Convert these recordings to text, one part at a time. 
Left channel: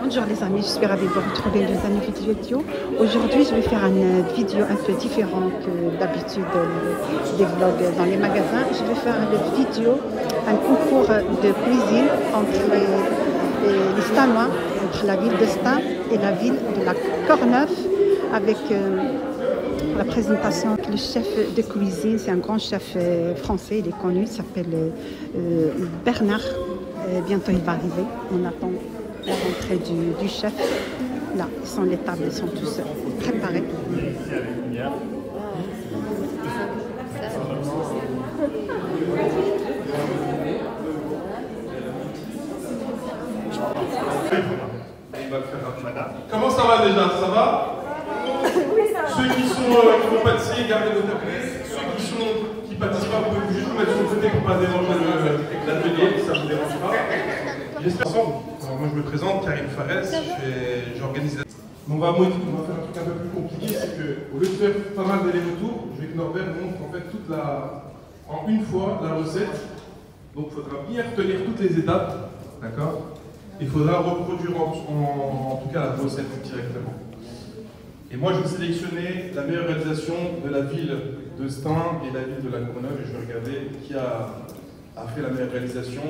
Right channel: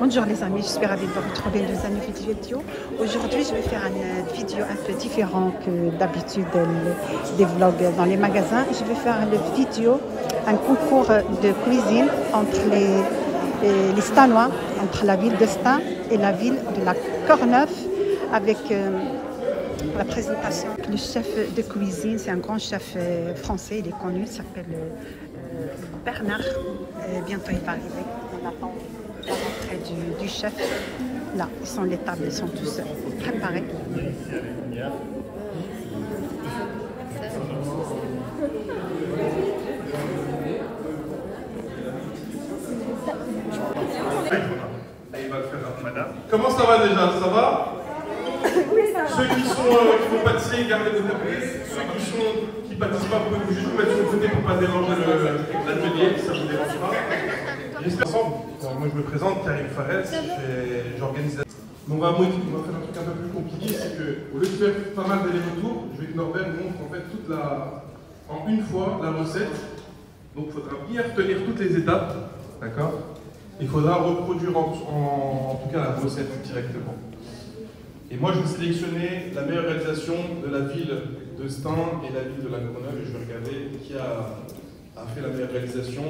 Bonjour les amis, je suis ravie de vous retrouver dans un nouveau vidéo. Aujourd'hui, je vais faire une vidéo un peu différente que d'habitude des vlogs dans les magasins. Je vais faire une vidéo, un concours de cuisine entre les Stanois, entre la ville de Stein et la ville de la Courneuve, avec la présentation. Le chef de cuisine, c'est un grand chef français, il est connu, il s'appelle Bernard. Bientôt il va arriver, on attend l'entrée du chef. Là, les tables, ils sont tous préparés. Comment ça va déjà? Ça va? Oui, ça va. Ceux qui sont pâtissiers, gardez votre place. Ceux qui participent pas, vous pouvez juste vous mettre sur le côté pour ne pas déranger l'atelier, si ça ne vous dérange pas. J'espère ensemble. Moi je me présente, Karim Fares, j'organise la... On va faire un truc un peu plus compliqué, c'est qu'au lieu de faire pas mal d'allers-retours, je vais que Norbert montre en fait en une fois la recette. Donc il faudra bien retenir toutes les étapes, d'accord? Il faudra reproduire en tout cas la recette directement. Et moi, je vais sélectionner la meilleure réalisation de la ville de Stein et la ville de la Courneuve, et je vais regarder qui a fait la meilleure réalisation.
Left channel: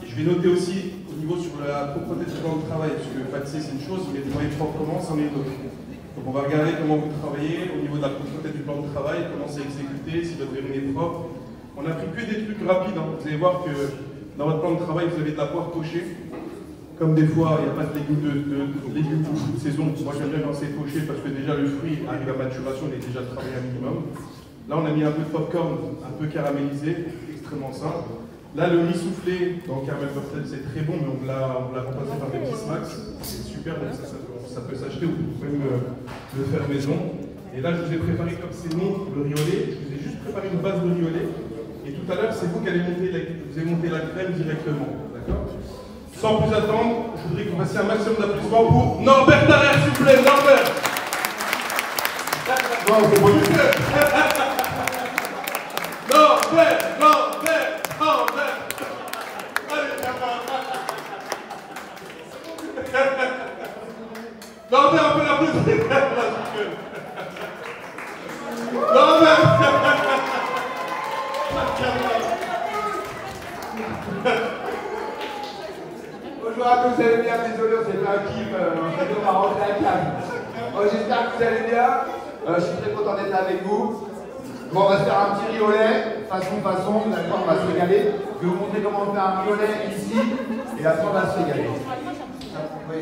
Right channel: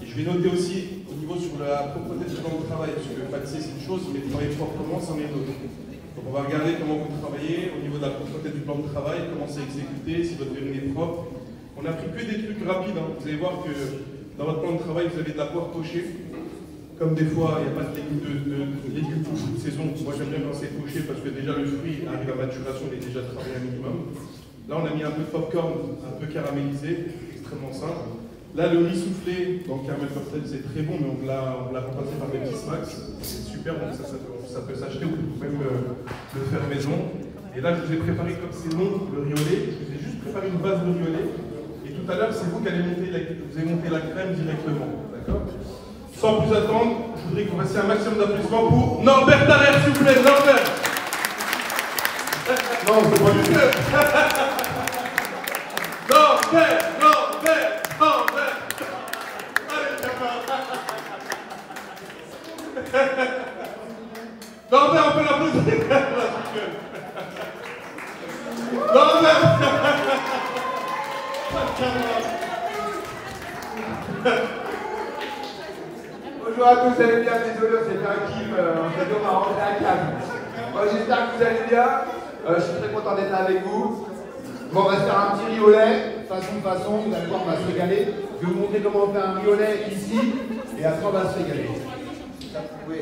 Et je vais noter aussi au niveau sur la propreté du plan de travail, parce que pâtisser c'est une chose, mais travailler proprement, c'en est une autre. Donc on va regarder comment vous travaillez au niveau de la propreté du plan de travail, comment c'est exécuté, si votre verrine est propre. On a pris que des trucs rapides, hein. Vous allez voir que dans votre plan de travail, vous avez de la poire pochée. Comme des fois, il n'y a pas de légumes pour toute saison, moi j'aime bien quand c'est poché parce que déjà le fruit arrive à maturation, il est déjà travaillé un minimum. Là, on a mis un peu de popcorn, un peu caramélisé, extrêmement simple. Là, le riz soufflé dans le caramel pastel, c'est très bon, mais on l'a remplacé par des petits smacks. C'est super, donc ça peut s'acheter ou même le faire maison. Et là, je vous ai préparé comme c'est bon le riz au lait. Je vous ai juste préparé une base de riz au lait. Et tout à l'heure, c'est vous qui allez monter la crème directement. D'accord? Sans plus attendre, je voudrais que vous fassiez un maximum d'applaudissements pour Norbert Tarrer, s'il vous plaît. Norbert! Non, c'est pas du tout. Norbert! Norbert, on peut l'applaudir. Norbert! Bonjour à tous, vous allez bien? Désolé, c'est un Kim, on va rentrer à Cannes. J'espère que vous allez bien. Je suis très content d'être là avec vous. Bon, on va se faire un petit riz au lait, façon, vous allez voir, on va se régaler. Je vais vous montrer comment on fait un riz au lait ici, et après on va se régaler. Oui.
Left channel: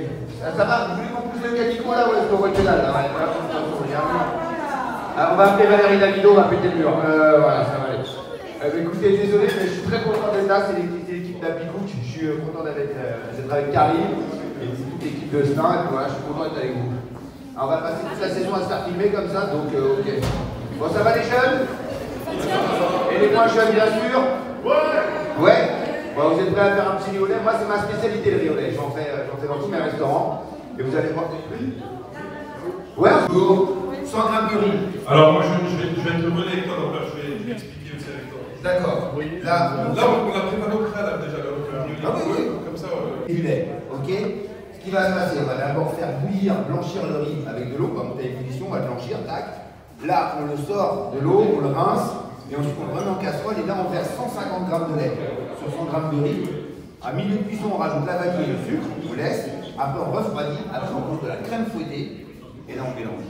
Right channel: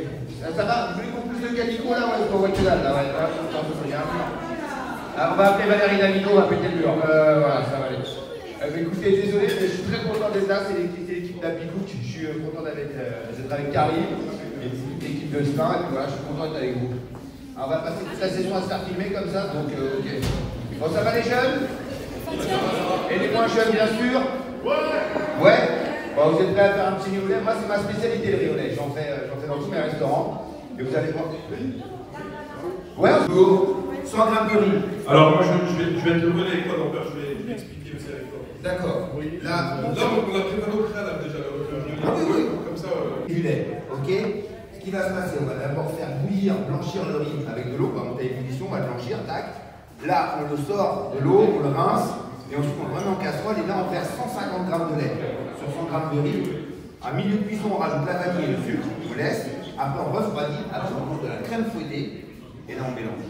Ça va? Vous voulez qu'on pousse le canico là ou est-ce qu'on voit que là? On va appeler Valérie Davido, on va péter le mur. Voilà, ça va aller. Écoutez, désolé, mais je suis très content d'être là, c'est l'équipe d'Apicook. Je suis content d'être avec Karim, l'équipe de Stein, et voilà, je suis content d'être avec vous. Alors, on va passer toute la saison à se faire filmer comme ça, donc ok. Bon, ça va les jeunes? Et les moins jeunes, bien sûr? Ouais? Bon, vous êtes prêts à faire un petit riz au lait? Moi, c'est ma spécialité, le riz au lait. J'en fais dans tous mes restaurants. Et vous allez voir. Ouais, un jour, 100 grammes de riz. Alors, moi, je vais être le relais avec toi, donc là, je vais expliquer aussi avec toi. D'accord. Oui. Là, on a préparé au préalable déjà le riz. Ah oui. Comme ça. Du lait, ok? Ce qui va se passer, on va d'abord faire blanchir le riz avec de l'eau, on va monter à ébullition, on va le blanchir, tac. Là, on le sort de l'eau, on le rince, et ensuite on le remet en casserole, et là on verse 150 g de lait sur 100 g de riz. À milieu de cuisson, on rajoute la vanille et le sucre, on laisse, après on refroidit, après on pose de la crème fouettée, et là on mélange.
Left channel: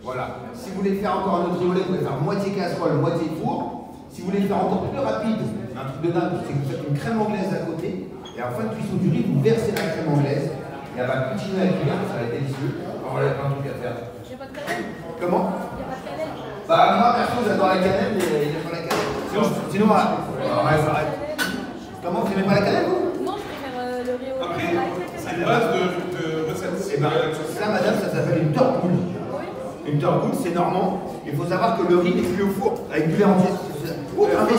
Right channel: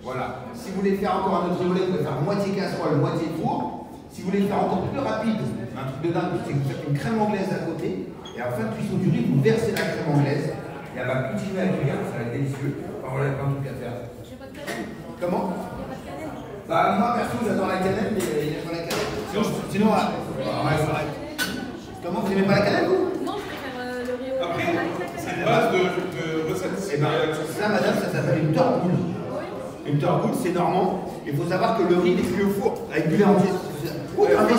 Voilà. Si vous voulez faire encore un autre riz au lait, vous pouvez faire moitié casserole, moitié four. Si vous voulez faire encore plus rapide, un truc de dingue, c'est que vous faites une crème anglaise à côté, et en fin de cuisson du riz, vous versez la crème anglaise, et elle va continuer à cuire, ça va être délicieux. On va plein de trucs à faire. J'ai pas de cannelle. Comment? Il n'y a pas de cannelle. Bah moi perso j'adore la cannelle, mais il n'y a pas la cannelle. Sinon arrête. Comment vous n'aimez pas la cannelle vous? Non, je préfère le riz au Après, lait. c'est une base de recettes. Et bien ça madame, ça s'appelle une torboule. Une torboule c'est normand. Il faut savoir que le riz est cuit au four avec du lait entier. Un lait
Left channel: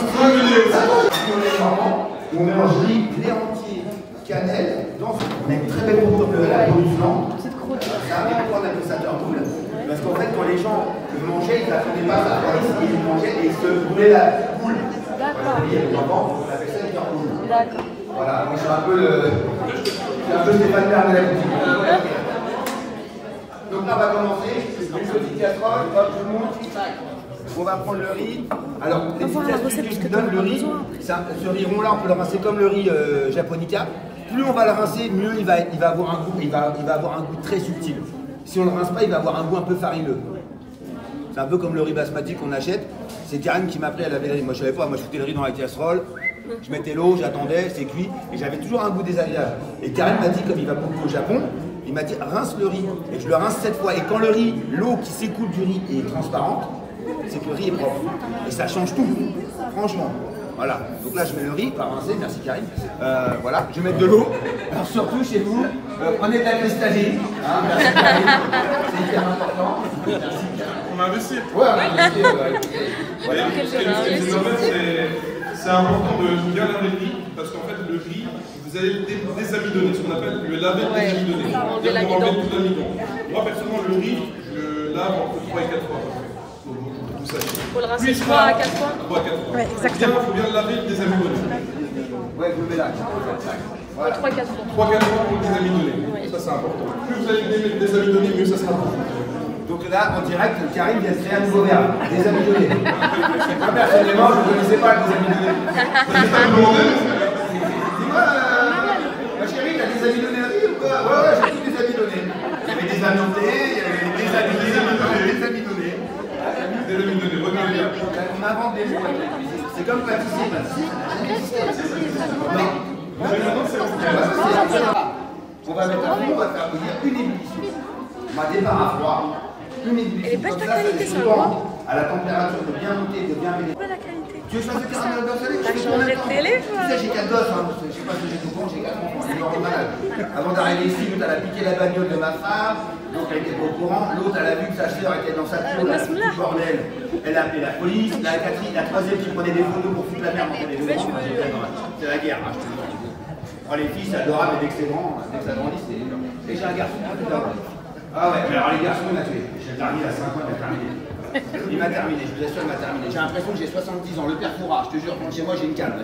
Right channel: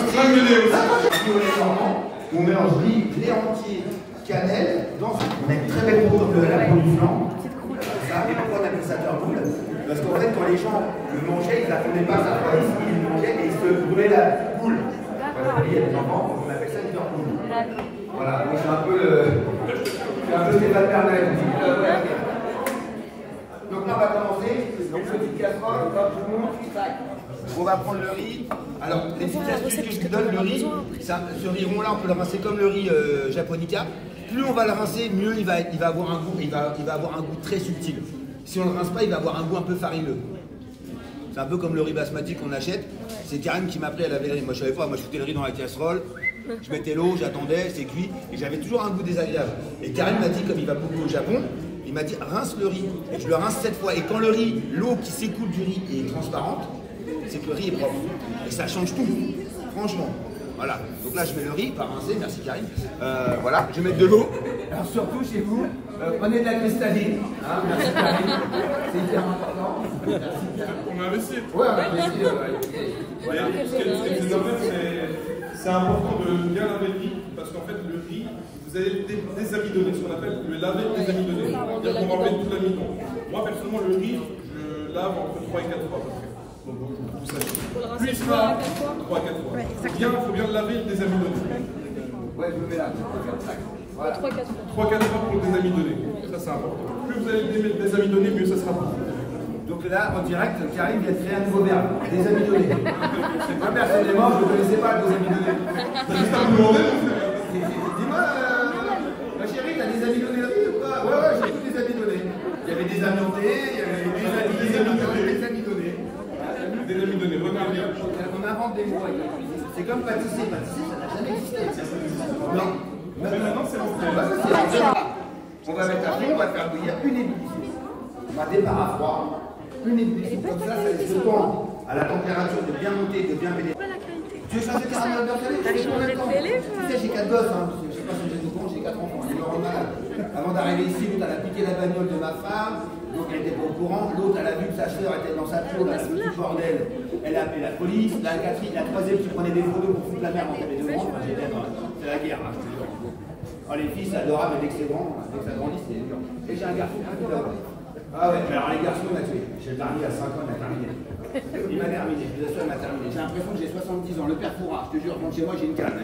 normand où on mélange riz, lait entier, cannelle, dans on a une très belle croûte de la peau du flanc. Et pourquoi on appelle ça torboule? Parce qu'en fait, quand les gens le mangeaient, ils n'apprenaient pas ça. Ils le mangeaient et ils se brûlaient la boule. Voilà, les enfants, on appelle ça une torboule. Voilà, moi j'ai un peu le C'est un peu Stéphane Bern. Donc là, on va commencer. Donc, petite casserole, hop, tout le monde. On va prendre le riz. Alors, les petites astuces que je vous donne, le riz, ce riz rond-là, on peut le rincer comme le riz japonica. Plus on va le rincer, mieux il va avoir un goût, il va avoir un goût très subtil. Si on ne le rince pas, il va avoir un goût un peu farineux. C'est un peu comme le riz basmati qu'on achète. C'est Karine qui m'a appris à laver le riz. Moi, je savais pas. Moi, je foutais le riz dans la casserole. Je mettais l'eau, j'attendais, c'est cuit. Et j'avais toujours un goût désagréable. Et Karine m'a dit, comme il va beaucoup au Japon, il m'a dit rince le riz. Et je le rince 7 fois. Et quand le riz, l'eau qui s'écoule du riz est transparente, c'est que le riz est propre. Et ça change tout. Franchement. Voilà. Donc là, je mets le riz, pas rincé. Merci Karine. Voilà. Je vais mettre de l'eau. Alors surtout chez vous, prenez de la cristalline. Hein, merci Karine. C'est hyper important. Merci. On va investir. Ouais, on va investir. C'est important de bien laver le riz, parce qu'en fait, le riz, vous allez le désamidonner, ce qu'on appelle le laver désamidonné. C'est-à-dire qu'on va enlever tout l'amidon. Moi, personnellement, le riz, je le lave entre 3 et 4 fois. Il faut le rincer 3 à 4 fois. 3 à 4 fois. Ouais, exactement. Il faut bien le laver et le désamidonner. Ouais, je le mets là. Voilà. 3-4 fois. 3-4 fois pour le désamidonner. Ça, c'est important. Plus vous allez le désamidonner, mieux ça sera. Donc là, en direct, Karine vient de créer un nouveau verbe, désamidonner. Moi, personnellement, je ne connaissais pas le désamidonner. Dis-moi, ma chérie, t'as désamidonné un riz ou quoi? Ouais, j'ai tout désamidonné. Il y avait des amiantés, il y avait des désamidonnés. Désamidonner, regardez bien. On invente des mots avec la cuisine. C'est comme pâtisser, ça n'a jamais existé. Non. On va mettre à fond, on va faire bouillir une ébullition. On va démarrer à froid. Une ébullition comme ça, ça laisse le temps à la température de bien monter, de bien vénérer. Tu veux changer de caramel dans le T'as changé de télé? Tu sais, j'ai 4 gosses, hein. Je sais pas si j'ai tout bon, j'ai 4 enfants, je suis malade. Avant d'arriver ici, l'autre elle a piqué la bagnole de ma femme, donc elle était pas au courant. L'autre elle a vu que sa sœur était dans sa cour, elle a foutu le bordel. Elle a appelé la police, la Catherine, la troisième qui prenait des photos pour foutre la merde entre les deux grands. C'est la guerre, hein, je te le dis. Alors les filles, c'est adorable, mais dès que c'est grand, dès que ça grandit, c'est énorme. Et j'ai un garçon qui a tout d'or. Ah ouais, mais alors les garçons, il m'a tué. J'ai le dernier à 5 ans, il m'a terminé. Il m'a terminé, je vous assure, il m'a terminé. J'ai l'impression que j'ai 70 ans. Le père Foura, je te jure, quand chez moi, j'ai une canne.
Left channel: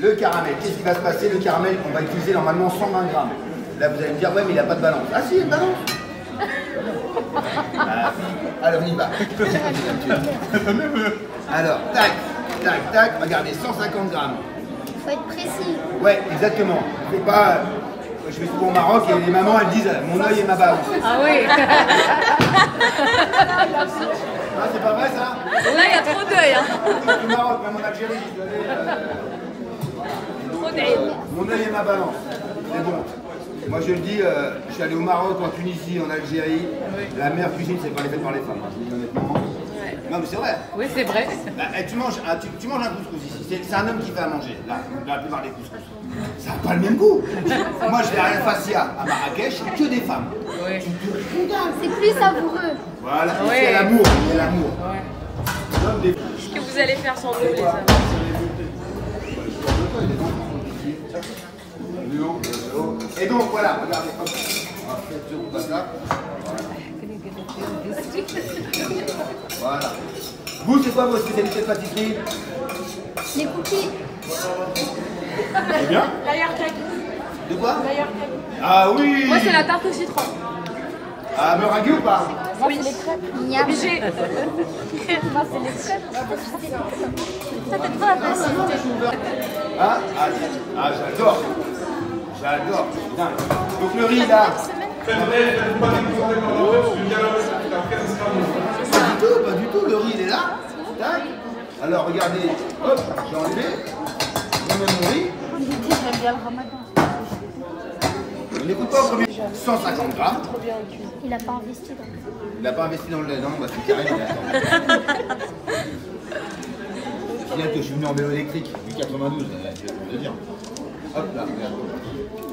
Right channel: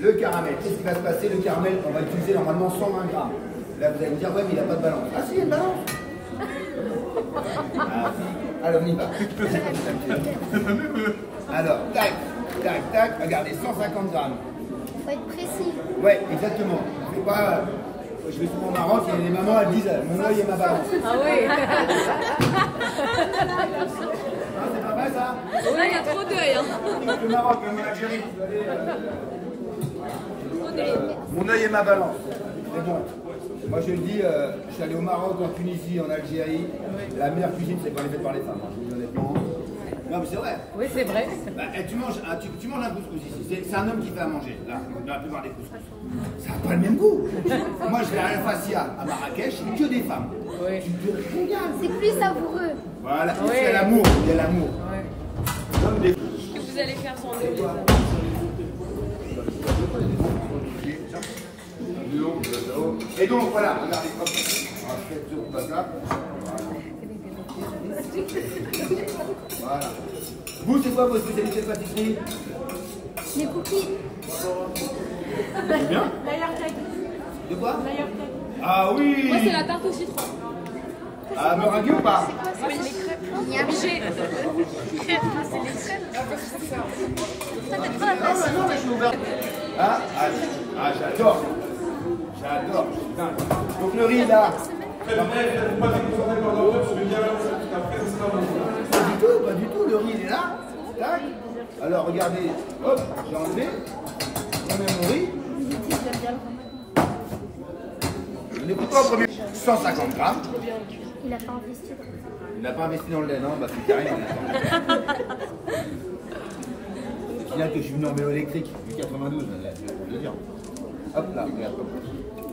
Le caramel, qu'est-ce qui va se passer? Le caramel, on va utiliser normalement 120 grammes. Là, vous allez me dire, ouais, mais il n'a pas de balance. Ah si, il y a une balance. Alors, on y va. Alors, tac, tac, tac. Regardez, 150 grammes. Faut être précis. Ouais, exactement. Faut pas... Je vais souvent au Maroc et les mamans elles disent mon œil et ma balance. Ah oui. Ah, c'est pas vrai ça? Là, il y a trop d'œil. Hein. Au Maroc, même en Algérie, je suis allé. Trop d'œil. Mon œil et ma balance. C'est bon. Moi je le dis, je suis allé au Maroc, en Tunisie, en Algérie. La meilleure cuisine, c'est pas les faites par les femmes. Hein. Je le dis honnêtement. Non mais c'est vrai. Oui, c'est vrai. Bah, tu manges un couscous ici. C'est un homme qui fait à manger, là, la plupart des couscous. Ça n'a pas le même goût. Moi je vais à Fassia, à Marrakech, que des femmes. Oui. Tu te régales. C'est plus savoureux. Voilà, et Ouais. il y a l'amour, il y a l'amour. Ouais. Comme des... Qu'est-ce que vous allez faire sans nous, les amis? Et donc voilà, regardez, hop, on va faire ce bout de là. Voilà. Vous, c'est quoi vos spécialités de pâtisserie? Les cookies. C'est bien? L'ailleurs cake. De quoi? Ah oui! Moi, c'est la tarte au citron. Ah, meringue ou pas? Moi, c'est les crêpes. Obligé. Moi, c'est les crêpes. C'était quoi la facilité? Ah, j'adore. J'adore, je suis dingue. Donc le riz là. Faites pas des contrôles dans le je vais bien la faire, après ça sera bon. Pas du tout, le riz il est là. Tac. Alors regardez, hop, j'ai enlevé. Je mets mon riz. On n'écoute pas au premier. 150 grammes. Il n'a pas investi. Il n'a pas investi dans le lait, non? Bah c'est carré, c'est final que je suis venu en vélo électrique, du 92, c'est pour le dire. Hop là, regarde.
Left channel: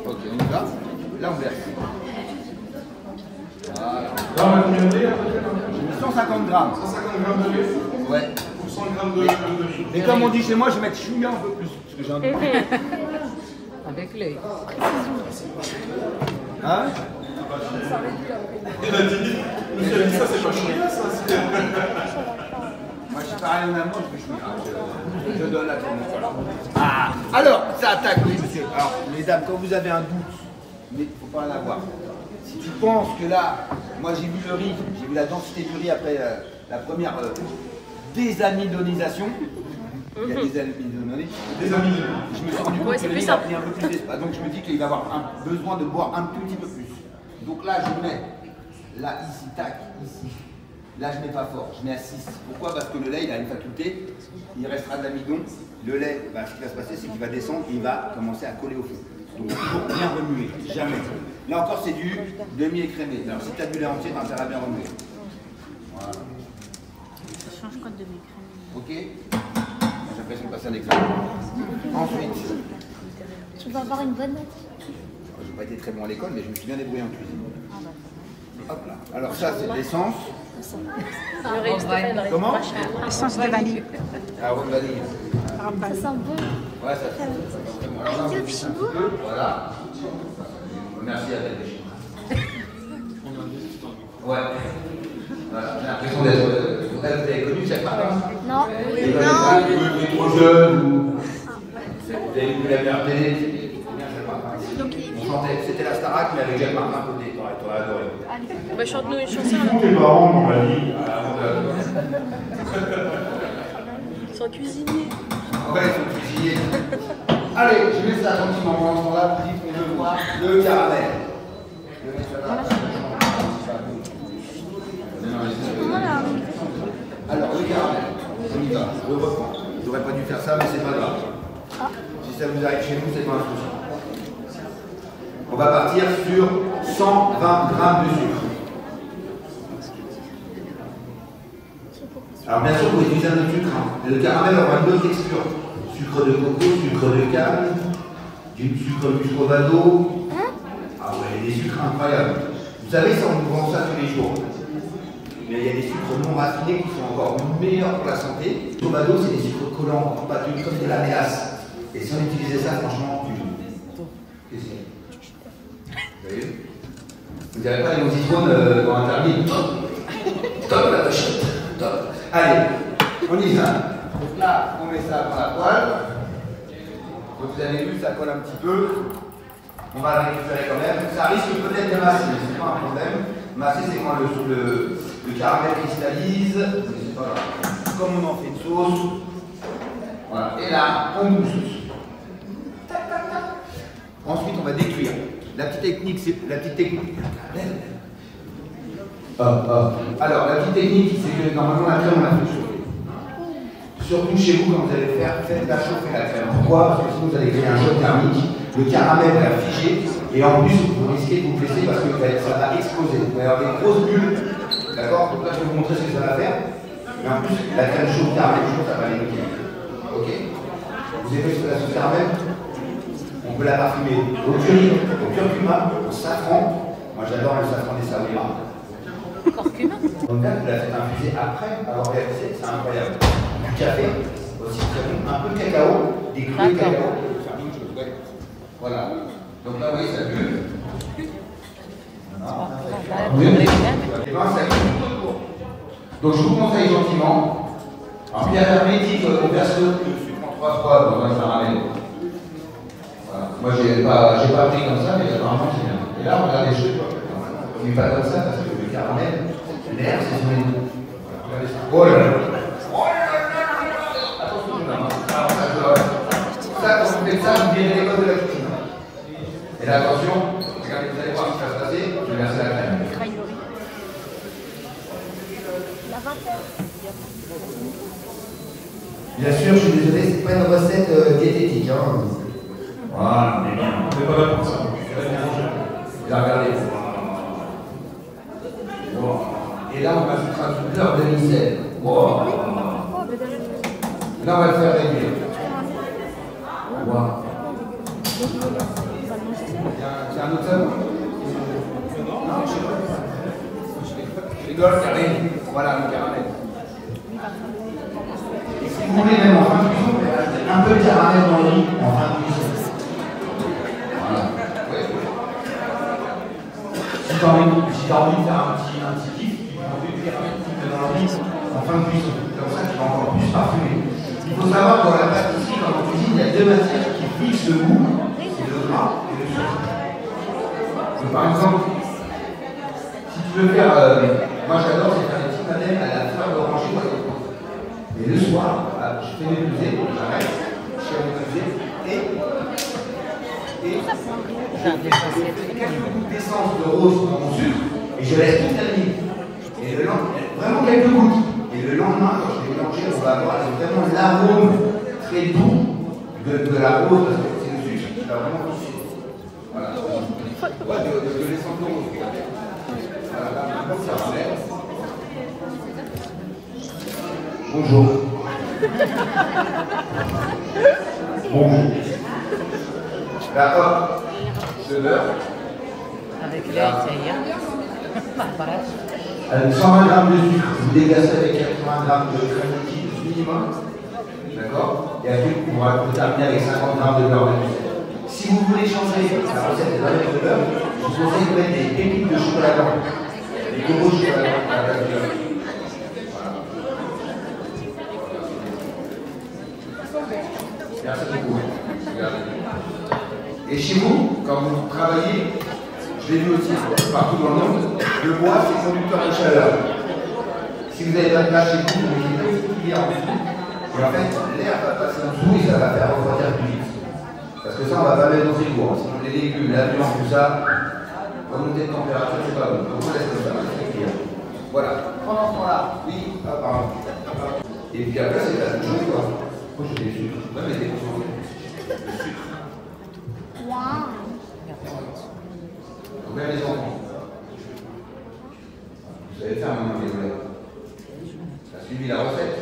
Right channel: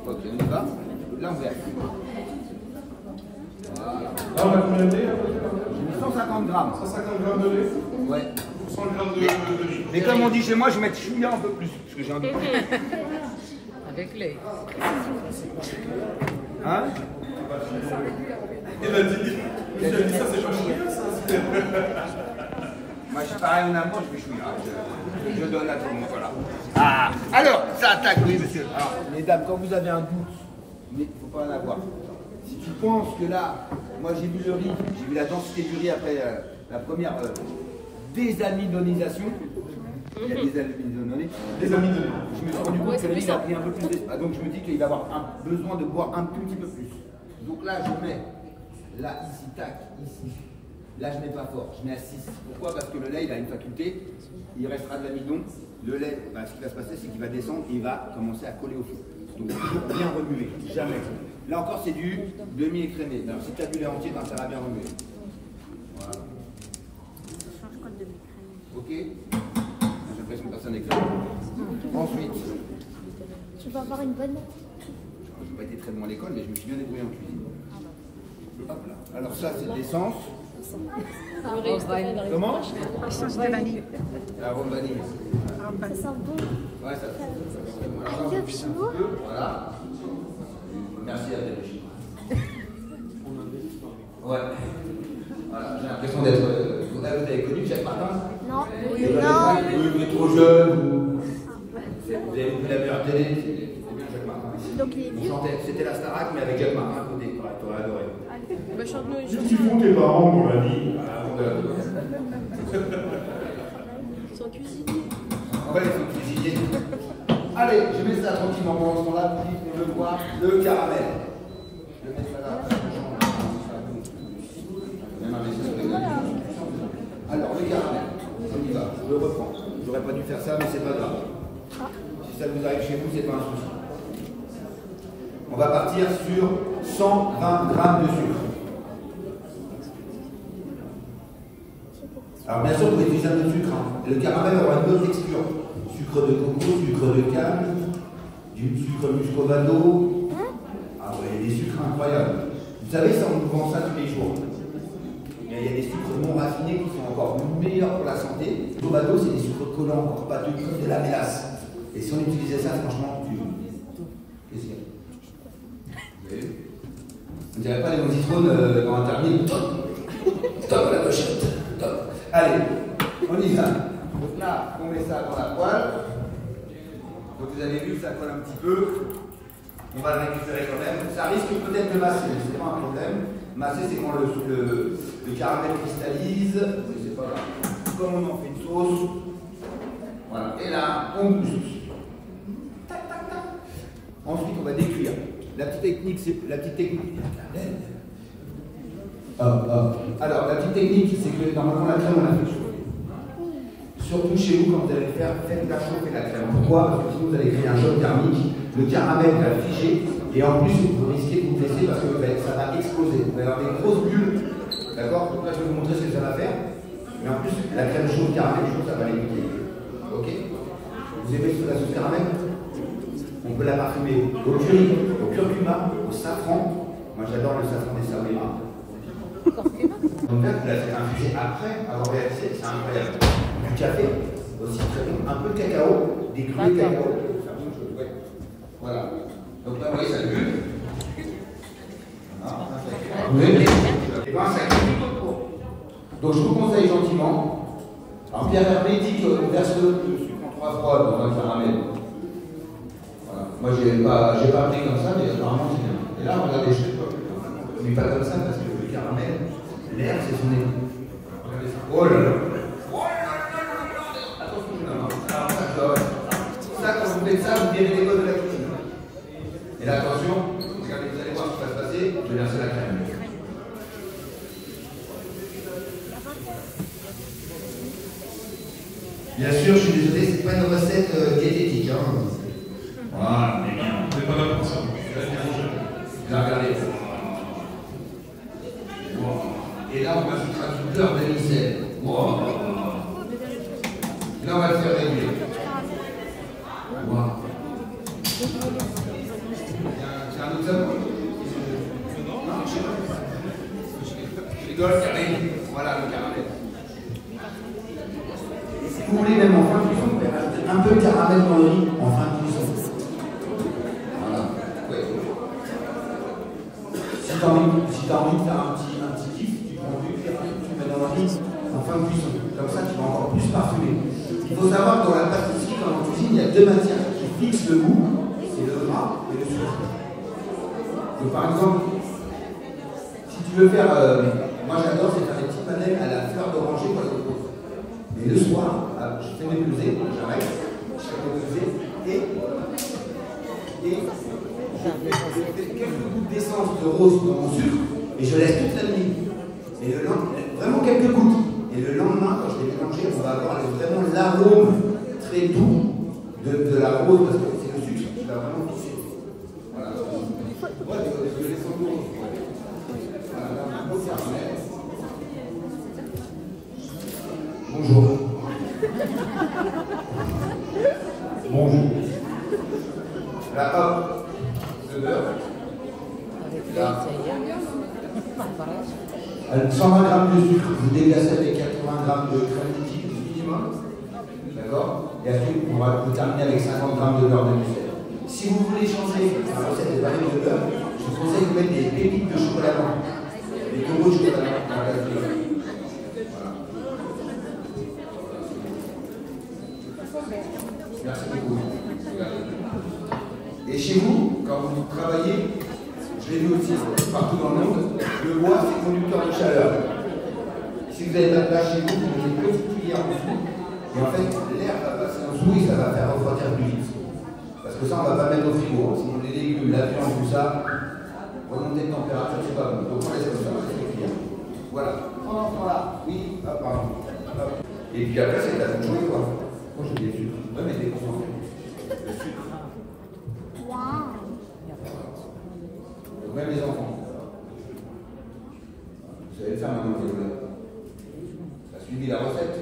Ok, on y va. Là on verse. Voilà. Là, on va combien de lait? J'ai mis 150 grammes. 150 grammes de lait Ouais. pour 100 grammes de riz. Mais comme on dit chez moi, je vais mettre chouïa un peu plus. Parce que j'ai envie de... Avec les. Hein? Il a dit, ça c'est pas chouïa ça. Moi, je pareil en amour, je donne à tout le monde, voilà. Ah, alors, ça attaque, oui, monsieur. Alors, mesdames, quand vous avez un doute, mais il ne faut pas en avoir. Si tu penses que là, moi j'ai vu le riz, j'ai vu la densité du riz après la première désamidonisation. Il y a des amidonnées. Je me suis rendu compte que le riz a pris un peu plus d'espace. Donc je me dis qu'il va avoir besoin de boire un tout petit peu plus. Donc là, je mets, là, ici, tac, ici. Là, je mets pas fort, je mets à 6. Pourquoi? Parce que le lait, il a une faculté, il restera de l'amidon. Le lait, bah, ce qui va se passer, c'est qu'il va descendre et il va commencer à coller au feu. Donc toujours bien remuer, jamais. Là encore, c'est du demi-écrémé. Alors si tu as du lait entier, tu as intérêt à bien remuer. Voilà. Ok? J'ai l'impression de passer un examen. Ensuite. Tu vas avoir une bonne note. Je n'ai pas été très bon à l'école, mais je me suis bien débrouillé en cuisine. Hop là. Alors ça, c'est de l'essence. Comment? Essence de vanille. Arôme vanille. Arôme vanille. Ça sent bon. Ouais, ça fait. Alors là, on va juste un petit peu. Voilà. Merci à elle. Ouais. Voilà. J'ai l'impression d'être. Vous avez connu Jacques Martin? Non. Vous êtes trop jeune ou. Vous avez vu la meilleure télé? C'est bien Jacques Martin. Donc il est On bien. chantait. C'était la Starac, mais avec Jacques Martin à côté. T'aurais adoré. Bah, chante-nous une Qu'est-ce chanson. qu'ils font tes parents, on m'a dit? Sans cuisiner. Ouais, il faut cuisiner. Allez, je mets ça gentiment quand on l'a pris, mais je vois le caramel. Je mets ça là. Alors, le caramel, on y va, je reprends. J'aurais pas dû faire ça, mais c'est pas grave. Si ça vous arrive chez vous, c'est pas un souci. On va partir sur 120 grammes de sucre. Alors bien sûr, vous utilisez un autre sucre. Hein. Le caramel aura une bonne texture. Sucre de coco, sucre de canne, du sucre muscovado. Ah ouais, il y a des sucres incroyables. Vous savez, ça, on nous vend ça tous les jours. Mais il y a des sucres non raffinés qui sont encore meilleurs pour la santé. Le muscovado, c'est des sucres collants, encore pas comme de la mélasse. Et si on utilisait ça, franchement, qu'est-ce qu'il y a? Vous voyez? Vous ne direz pas les mousitronnes dans un termine. Top la pochette. Top. Allez, on y va. Donc là, on met ça dans la poêle. Donc vous avez vu, ça colle un petit peu. On va la récupérer quand même. Ça risque peut-être de masser, mais ce n'est pas un problème. Masser, c'est quand le caramel cristallise. C'est pas grave. Comme on en fait une sauce. Voilà. Et là, on mousse. Ensuite, on va décuire. La petite technique, c'est la petite technique. Alors, la petite technique, c'est que normalement la crème, on la fait chauffer. Surtout chez vous, quand vous allez le faire, faites-la chauffer la crème. Pourquoi? Parce que sinon, vous allez créer un choc thermique. Le caramel va figer. Et en plus, vous risquez de vous blesser parce que ça va exploser. Vous allez avoir des grosses bulles. D'accord? Donc là, je vais vous montrer ce que ça va faire. Mais en plus, la crème chaude, caramel chaud, ça va les niquer. Ok? Vous aimez la sauce caramel? On peut la parfumer au curry, au curcuma, au safran. Moi, j'adore le safran des Saoudiens. Donc là, vous la faites infuser après avoir versé, c'est incroyable. Du café, aussi très bon. Un peu de cacao, des clous de cacao. Voilà. Donc là, vous voyez, ça bulle. Et bien, ça cuit. Donc, je vous conseille gentiment, en pierre hermétique, on verse le sucre en 3 fois dans un caramel. Voilà. Moi, j'ai pas pris comme ça, mais apparemment, c'est bien. Et là, regardez, je ne mets pas comme ça parce que le caramel, l'air, c'est sur les deux. Regardez ça. Oh là là. Attention, ça, quand vous faites ça, vous virez les codes de la cuisine. Et là, attention, regardez, vous allez voir ce qui va se passer. Je vais verser la crème. Bien sûr, je suis désolé, c'est pas une recette diététique. Hein. Voilà, mais bien. On n'est pas là pour ça. Regardez. Wow. Et là, on va se faire une fleur de micelle. Wow. Là, on va le faire réduire. Wow. C'est un autre savon? Non, je sais pas. Je rigole, Karine. Voilà, le caramel. Et si vous voulez, même en fin de cuisson, un peu de caramel dans le riz en fin de cuisson. Voilà. Ouais. Si tu as envie de faire un petit kiff, tu prends du caramel, tu mets dans le riz en fin de cuisson. Comme ça, tu vas encore plus a deux matières qui fixent le goût, c'est le gras et le sucre. Donc, par exemple, si tu veux faire, moi j'adore c'est faire des petits madeleines à la fleur d'oranger ou à l'autre. Et le soir, je fais mes pesées, j'arrête, je fais mes pesées et je fais quelques gouttes d'essence de rose dans mon sucre et je laisse toute la nuit. Et le lendemain, vraiment quelques gouttes. Et le lendemain, quand je vais mélanger, on va avoir vraiment l'arôme très doux de la rose, parce que c'est le sucre qui va vraiment toucher. Voilà. Ouais, de l'essence de rose. Voilà, ça ramène. Bonjour. Bonjour. Là, hop, de beurre. Avec vérité, Avec 120 g de sucre, vous déglacez avec 80 g de crème liquide minimum. D'accord? Et ensuite, on va terminer avec 50 g de beurre de muscade. Si vous voulez changer la recette des bananes de beurre, je vous conseille de mettre des pépites de chocolat blanc. Des gros chocolat blanc à la place du beurre. Merci beaucoup. Et chez vous, quand vous travaillez, je l'ai vu aussi partout dans le monde, le bois c'est conducteur de chaleur. Si vous avez pas de place chez vous, vous mettez une petite cuillère en dessous, et en fait l'air va passer en dessous et ça va faire refroidir plus vite. Parce que ça on va pas mettre au frigo, sinon les légumes, la viande, tout ça, remonter de température, c'est pas bon. Donc on laisse comme ça, voilà. Pendant ce temps-là, oui, pardon. Et puis après c'est la même chose quoi. Moi j'ai des sucres, même des sucres. Même les enfants. Vous savez faire un moment violet. Tu as suivi la recette.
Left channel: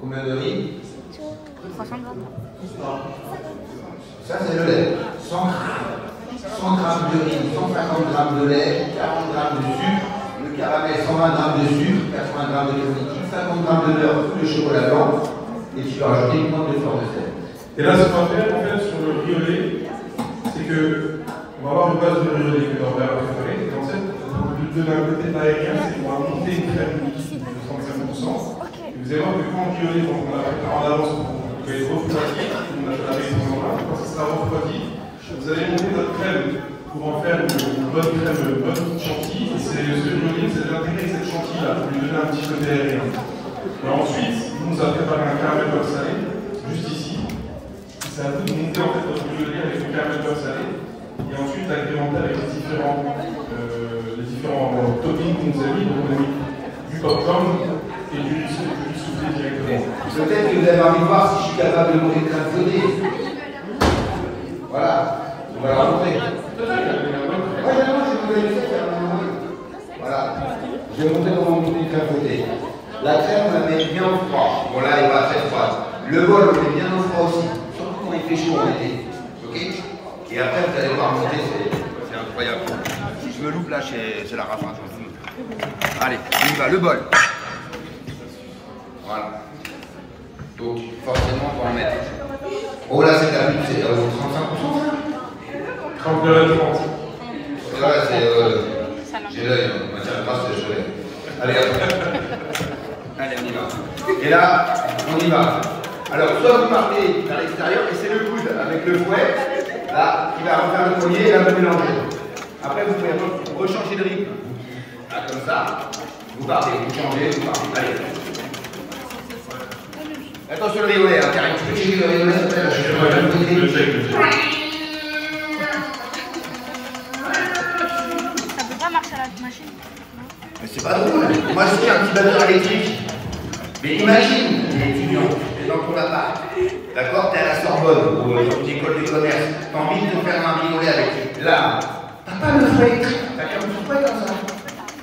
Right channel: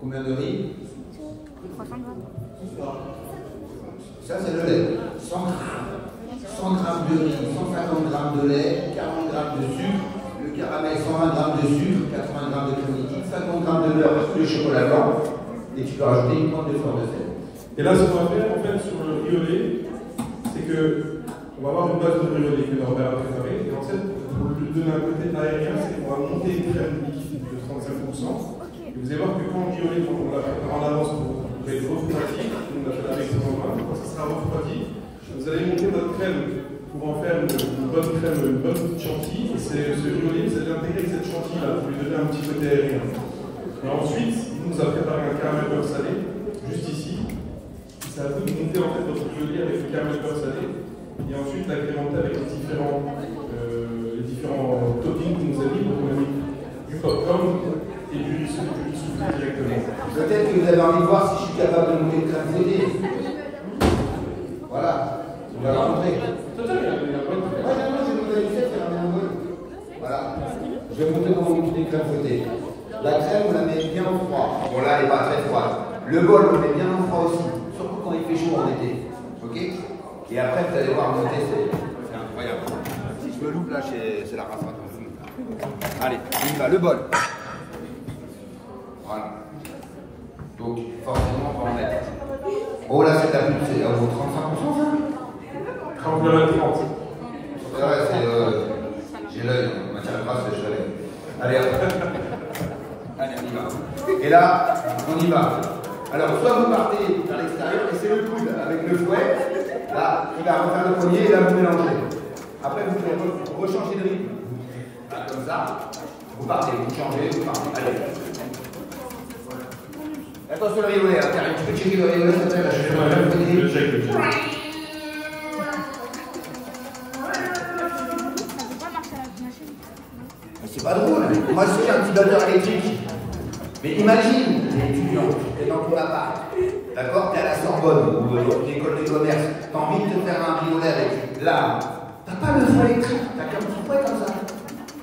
Combien de riz? 300 grammes. Ça c'est le lait. 100 g de riz, 150 g de lait, 40 g de sucre, le caramel 120 g de sucre, 80 g de crème liquide, 50 g de beurre, de chocolat blanc, et tu vas rajouter une pointe de fleur de sel. Et là, ce qu'on va faire en fait sur le riz au lait, c'est que on va avoir une base de riz au lait que l'on va préparer. Et en fait, de donner un côté aérien, c'est qu'on va monter une crème liquide de 35%. Et vous allez voir que quand le riz au lait, on l'a préparé en avance, il va être refroidi. On a fait la maison quand ça sera refroidi, vous allez monter votre crème pour en faire une bonne crème, une bonne chantilly. Et ce riz au lait, vous allez intégrer cette chantilly-là pour lui donner un petit côté aérien. Et ensuite, nous allons préparer un caramel beurre salé, juste ici. C'est à vous de monter en fait votre riz au lait avec le caramel beurre salé. Et ensuite agrémenter avec les différents toppings qu'on nous a mis. Donc on a mis du popcorn et du soufflé directement. Peut-être que vous avez envie de voir si je suis capable de monter une crème fouettée. Voilà, on va la montrer. Voilà, je vais montrer comment monter une crème fouettée. La crème, on la met bien au froid. Bon là, elle n'est pas très froide. Le bol, on met bien au froid aussi. Surtout quand il fait chaud en été. Ok? Et après, vous allez voir monter, c'est incroyable. Si je me loupe là, c'est la rafraîchissante. Allez, on y va, le bol. Voilà. Donc, forcément, on va en mettre. Oh là, c'est la pub, c'est 35%. 30. Ouais, c'est. J'ai l'œil, ma tienne grâce, c'est l'œil. Allez, hop. Allez, on y va. Et là, on y va. Alors, soit vous partez à l'extérieur, et c'est le coude avec le fouet, là, qui va refaire le premier, et là, vous mélangez. Après, vous pouvez rechanger de rythme. Là, comme ça, vous partez, vous changez, vous partez. Allez. Attention le riolet, hein, Karine, tu peux checker le riolet, s'il te plaît, je suis sur la même côté. Le check. Ça peut pas marcher à la machine. Mais c'est pas drôle. Moi, je suis un petit batteur électrique. Mais imagine, les étudiants, t'es dans ton appart, d'accord, t'es à la Sorbonne ou une école de commerce, t'as envie de te faire un riolet avec là, t'as pas le fouet électrique, t'as qu'un petit fouet comme ça.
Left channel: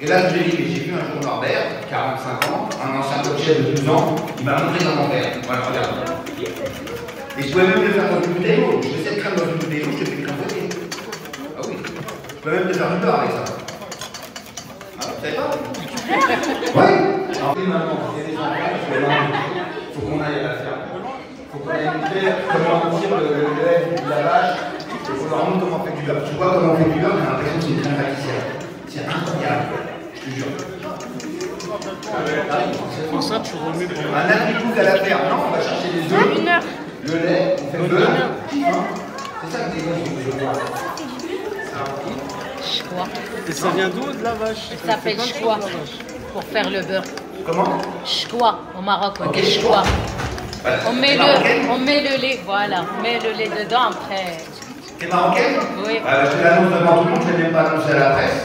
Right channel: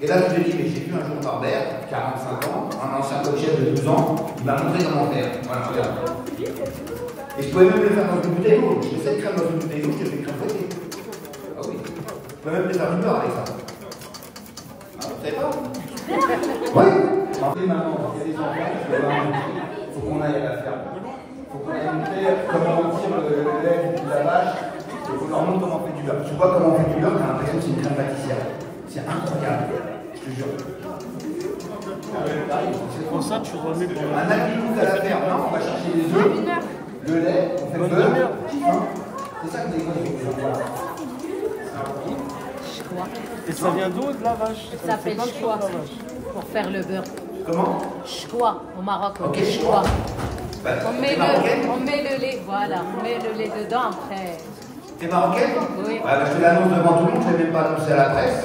Et là, je lui ai dit, mais j'ai vu un jour Norbert, 45 ans, un ancien coach de 12 ans, il m'a montré comment faire. Voilà, regarde. Et je pouvais même le faire dans une bouteille d'eau. Je mets cette crème dans une bouteille d'eau, je te fais crème fouettée. Ah oui. Je peux même te faire du beurre avec ça. Ah, vous savez pas? Ouais. Alors, maintenant, il y a des enfants, il faut qu'on aille à la ferme. Il faut qu'on aille montrer comment on tire le lait de la vache. Il faut leur montrer comment on fait du beurre. Tu vois comment on fait du beurre, t'as l'impression que c'est une crème pâtissière. C'est incroyable, je te jure. C'est pour ça que tu remets pour Un agricoute à la ferme, non, on va chercher des œufs. le lait, on fait le beurre. C'est ça que je vois. Et ça vient d'où de la vache? Ça s'appelle chkoua pour faire le beurre. Comment? Chkoua, au Maroc, on Ok, dit chkoua. Bah, On met le lait, voilà, on met le lait dedans après. T'es marocaine? Oui. Ah, bah, je l'annonce devant tout le monde, je ne l'ai même pas annoncé à la presse.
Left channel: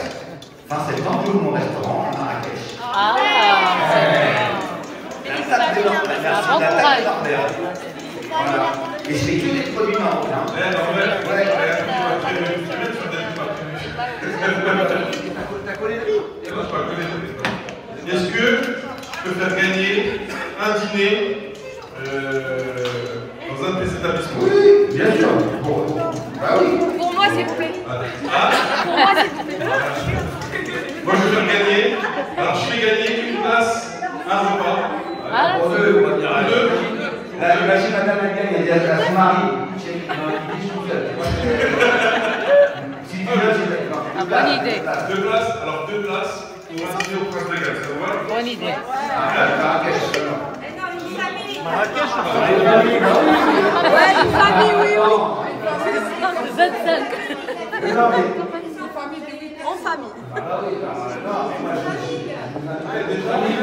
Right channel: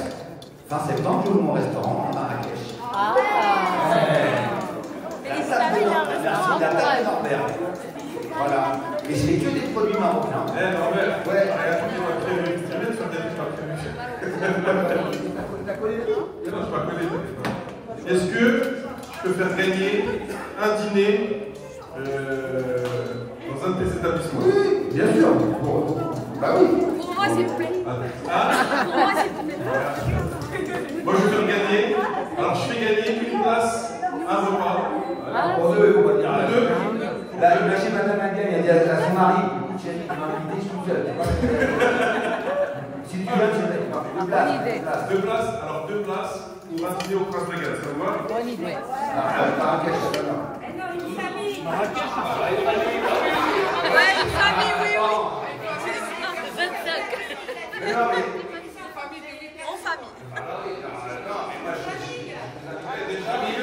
Fin septembre, j'ouvre mon restaurant à Marrakech. Ah, La table de Norbert. Merci, la table de Norbert. Voilà. Et je fais que des produits marocains. Est-ce que je peux faire gagner un dîner dans un de tes établissements? Oui, bien sûr. Bon. Bah oui. Pour moi, s'il vous plaît. Pour moi, s'il vous plaît. Moi, je vais faire gagner. Alors, je fais gagner une place, un repas. Pour deux, on va dire à deux. Là, imagine madame elle gagne, elle dit à son mari, chérie, non, il dit tout seul. Si tu veux, c'est bonne idée. Deux places, alors deux places pour un dîner au Prince Régal, ça vous va? Bonne idée. Marrakech, Marrakech, Ouais, une famille, oui, oui. 25. En famille.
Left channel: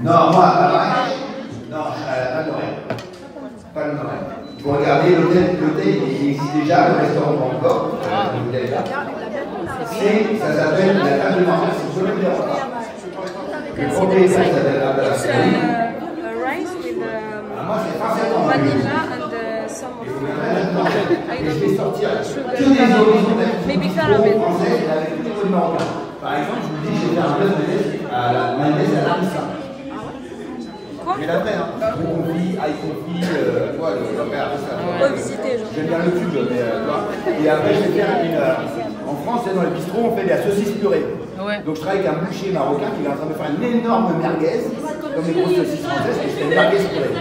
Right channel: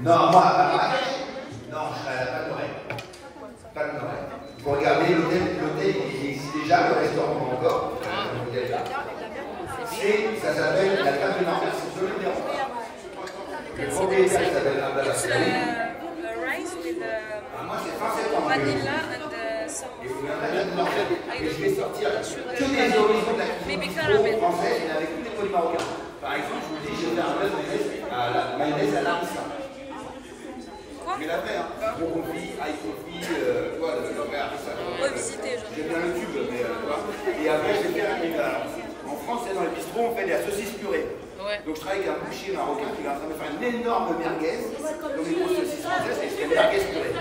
Non, moi, à Marrakech, non, pas de Lorraine. Pas de Lorraine. Vous regardez, l'hôtel, il existe déjà, le restaurant pas encore, l'hôtel est là. Ça s'appelle la table de Norbert, c'est le domaine des repas. Le propriétaire s'appelle Abdallah. Rice with Moi, c'est fin septembre. vanilla and some of Et je vais sortir sugar, tous les horizons de la maybe cuisine caramel. française et avec tous les produits marocains. Par exemple, je vous dis, j'ai fait un bœuf à la mayonnaise à la pizza. Quoi? Mais la vraie, hein. Gros confit, ail confit, quoi, le vrai, ça. Ouais, visiter, genre. J'aime bien le cube, mais et après, je vais faire une. En France, dans les bistrots, on fait de la saucisse purée. Ouais. Donc, je travaille avec un boucher marocain qui est en train de faire une énorme merguez, comme les grosses saucisses françaises, et je fais une merguez purée.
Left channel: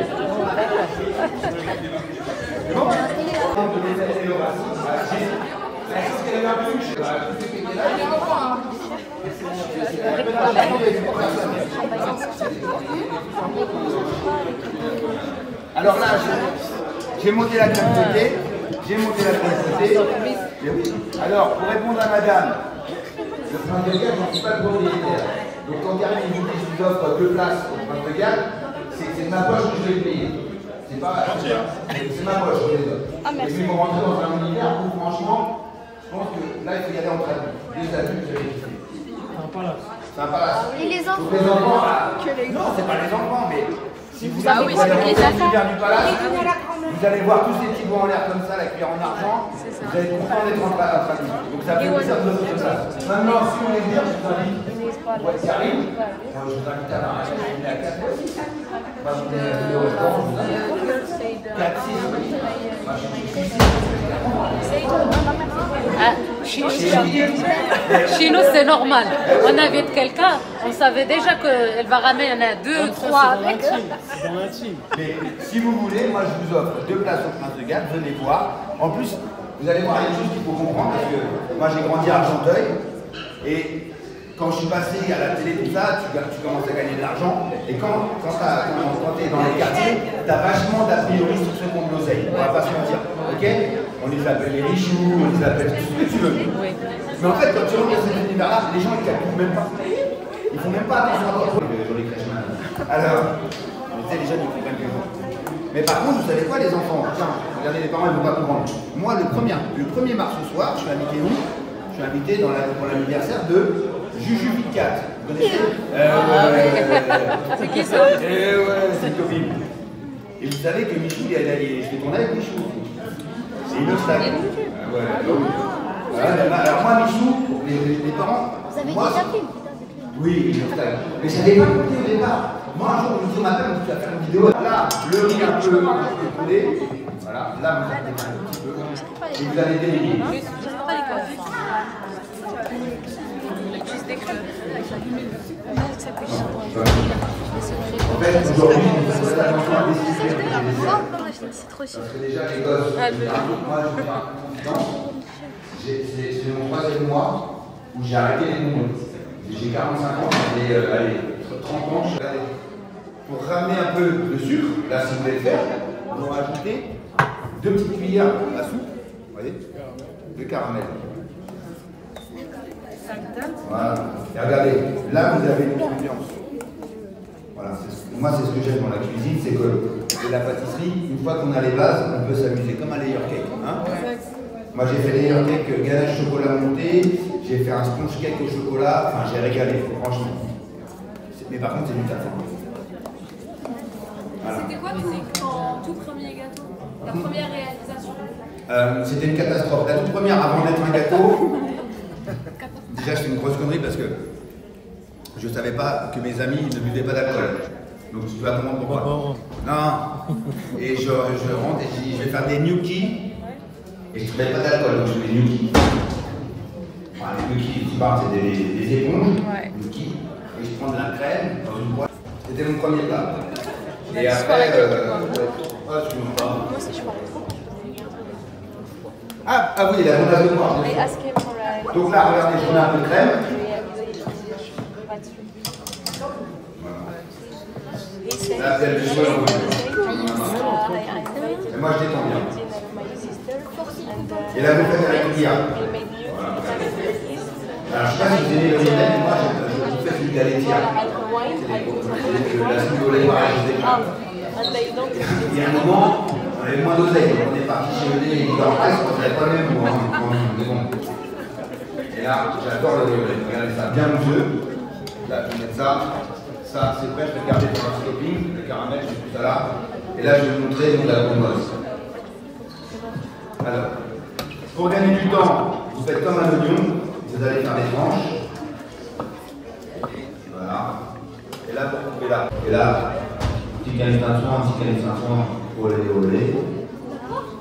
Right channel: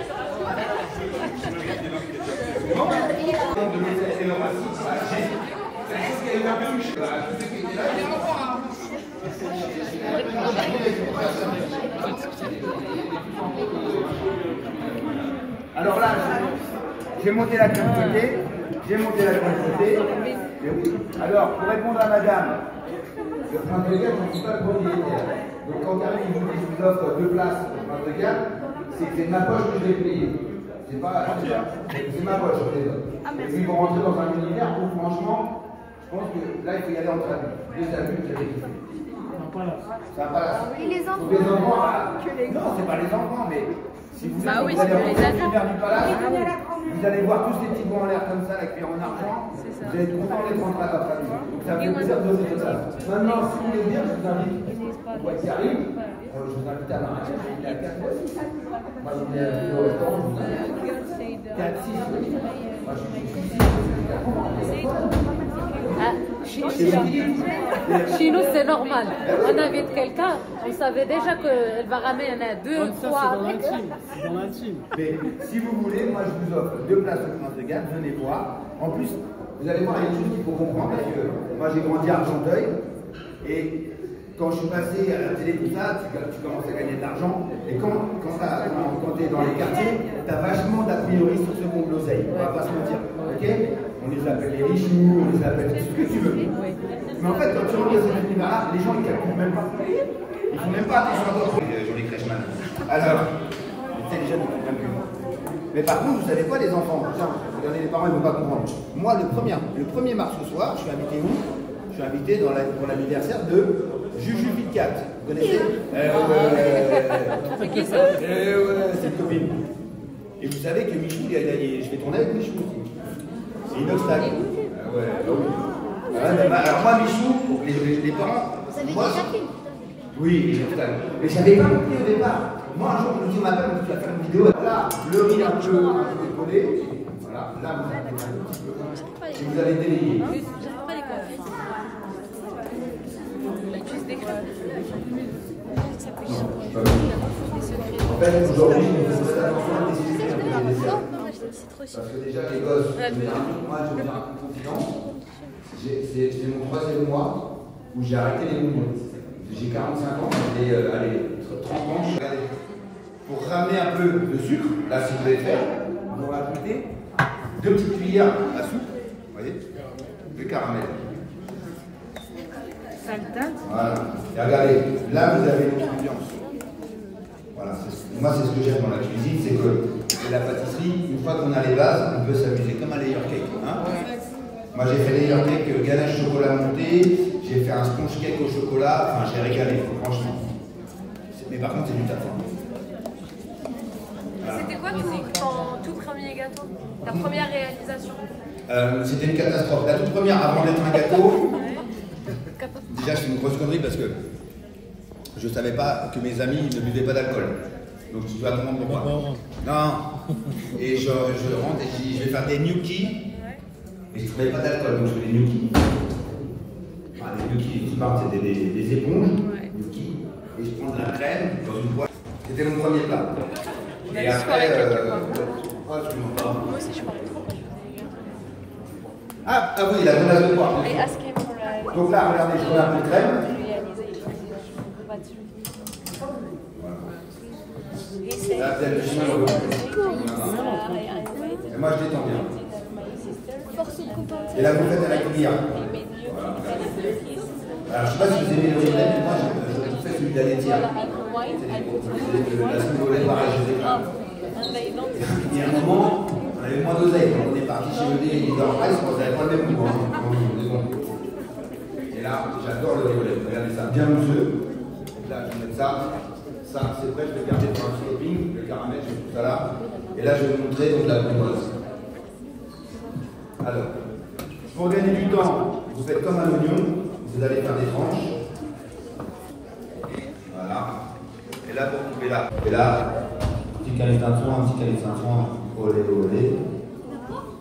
Alors là, j'ai monté la crème côté, Alors, pour répondre à madame, le Prince de Galles, je ne suis pas le propriétaire. Donc quand Karine il vous dit que je vous offre 2 places au Prince de Galles, c'est que c'est de ma poche que je vais payer. C'est pas c'est ma poche que je les offre. Et puis pour rentrer dans un univers où franchement, je pense que là il faut y aller en train. Les adultes, je vais les c'est un palace. Et les enfants? Les enfants, non, c'est pas les enfants, mais si vous Ah oui, c'est allez les dans l'univers du palace, vous allez voir tous ces petits bons en l'air comme ça, la cuillère en argent, vous allez être content d'être en famille. Donc ça fait plaisir de vous ça. Maintenant, si vous voulez dire, je vous invite, moi qui arrive, je vous invite à la on est à 4 fois 6. Vous allez au restaurant, je vous invite. 4, 6. Chez nous, c'est normal. On invite quelqu'un, on savait déjà qu'elle va ramener 2, 3. C'est dans l'intime. Mais si vous voulez, moi je vous offre 2 places au Prince de Galles, venez voir. En plus, vous allez voir, il y a des choses qu'il faut comprendre parce que moi j'ai grandi à Argenteuil et quand je suis passé à la télé, tout ça, tu commences à gagner de l'argent. Et quand tu es dans les quartiers, tu as vachement d'a priori sur ceux qui ont de l'oseille. On va pas se mentir. Ok? On les appelle les richoux, on les appelle tout ce que tu veux. Mais en fait, quand tu rentres dans cet univers-là, les gens ils ne calculent même pas. Ils font même pas attention à votre les crèches maintenant. Alors, tu sais, les jeunes ils comprennent que vous. Mais par contre, vous savez quoi les enfants? Tiens, regardez, les parents ils ne vont pas comprendre. Moi, le 1er mars ce soir, je suis invité où? Je suis invité pour l'anniversaire de Juju Picat. Vous connaissez? C'est qui ça? C'est une copine. Et vous savez que Michou, je vais tourner avec Michou. C'est une obstacle. Ah ouais, oui. Alors moi, Michou, les parents. Moi, oui, une obstacle. Mais je n'avais pas compris au départ. Moi, un jour, je me dis, madame, tu vas faire une vidéo. Là, le riz un peu collé. Voilà, là, vous avez un petit peu. Et vous avez délégué. En fait, aujourd'hui, on fait attention à C'est trop sûr. Parce que déjà, les gosses, moi, je vais faire confidence. C'est mon 3e mois où j'ai arrêté les bonbons. J'ai 45 ans, j'avais 30 ans. Pour ramener un peu de sucre, là, si vous voulez le faire, vous rajoutez 2 petites cuillères à soupe, vous voyez, de caramel. Voilà. Et regardez, là, vous avez une ambiance. Voilà, moi, c'est ce que j'aime dans la cuisine, c'est que la pâtisserie, une fois qu'on a les bases, on peut s'amuser, comme un layer cake. Hein. Moi, j'ai fait layer cake ganache chocolat monté, j'ai fait un sponge cake au chocolat, enfin, j'ai régalé, franchement. Mais par contre, c'est du taf. Voilà. C'était quoi ton tout premier gâteau? Ta première réalisation? C'était une catastrophe. La toute première, avant d'être un gâteau, déjà, je fais une grosse connerie parce que je ne savais pas que mes amis ne buvaient pas d'alcool. Donc, tu vas comprendre pourquoi. Non. Et je rentre et je dis, je vais faire des gnocchis. Et je ne mets pas d'alcool, donc je fais des gnocchis. Enfin, les gnocchis, tu parles, c'était des éponges. Gnocchis. Et je prends de la crème dans une boîte. C'était mon premier plat. On a Et dit après, soirée avec toi. Ouais, excuse-moi. Moi aussi, je parlais trop. Ah oui, la grenache de poire. I asked him for a... Donc là, regardez, je mets un peu de crème. Là, vous avez le choix. Et moi, je détends bien. Et la bouffette avec le billard. Voilà. Alors, je ne sais pas si vous aimez le riz, mais moi, je vous fais celui de la laitière. C'est la soupe au lait, je sais pas. Il y a un moment, on avait moins d'oseille, on est parti chez le lait, en presse, on n'avait pas le même goût, hein, mais bon. Et là, j'adore le violet. Regardez ça, bien mousseux. Là, je vais mettre ça. Ça, c'est prêt, je vais garder pour un scoping, le caramel, je mets tout ça là. Et là, je vais vous montrer donc, la composte. Alors, pour gagner du temps, vous faites comme un oignon, vous allez faire des tranches. Voilà. Et là, pour couper là. Et là, petit canifin de soin, un petit canifin de soin, olé, olé.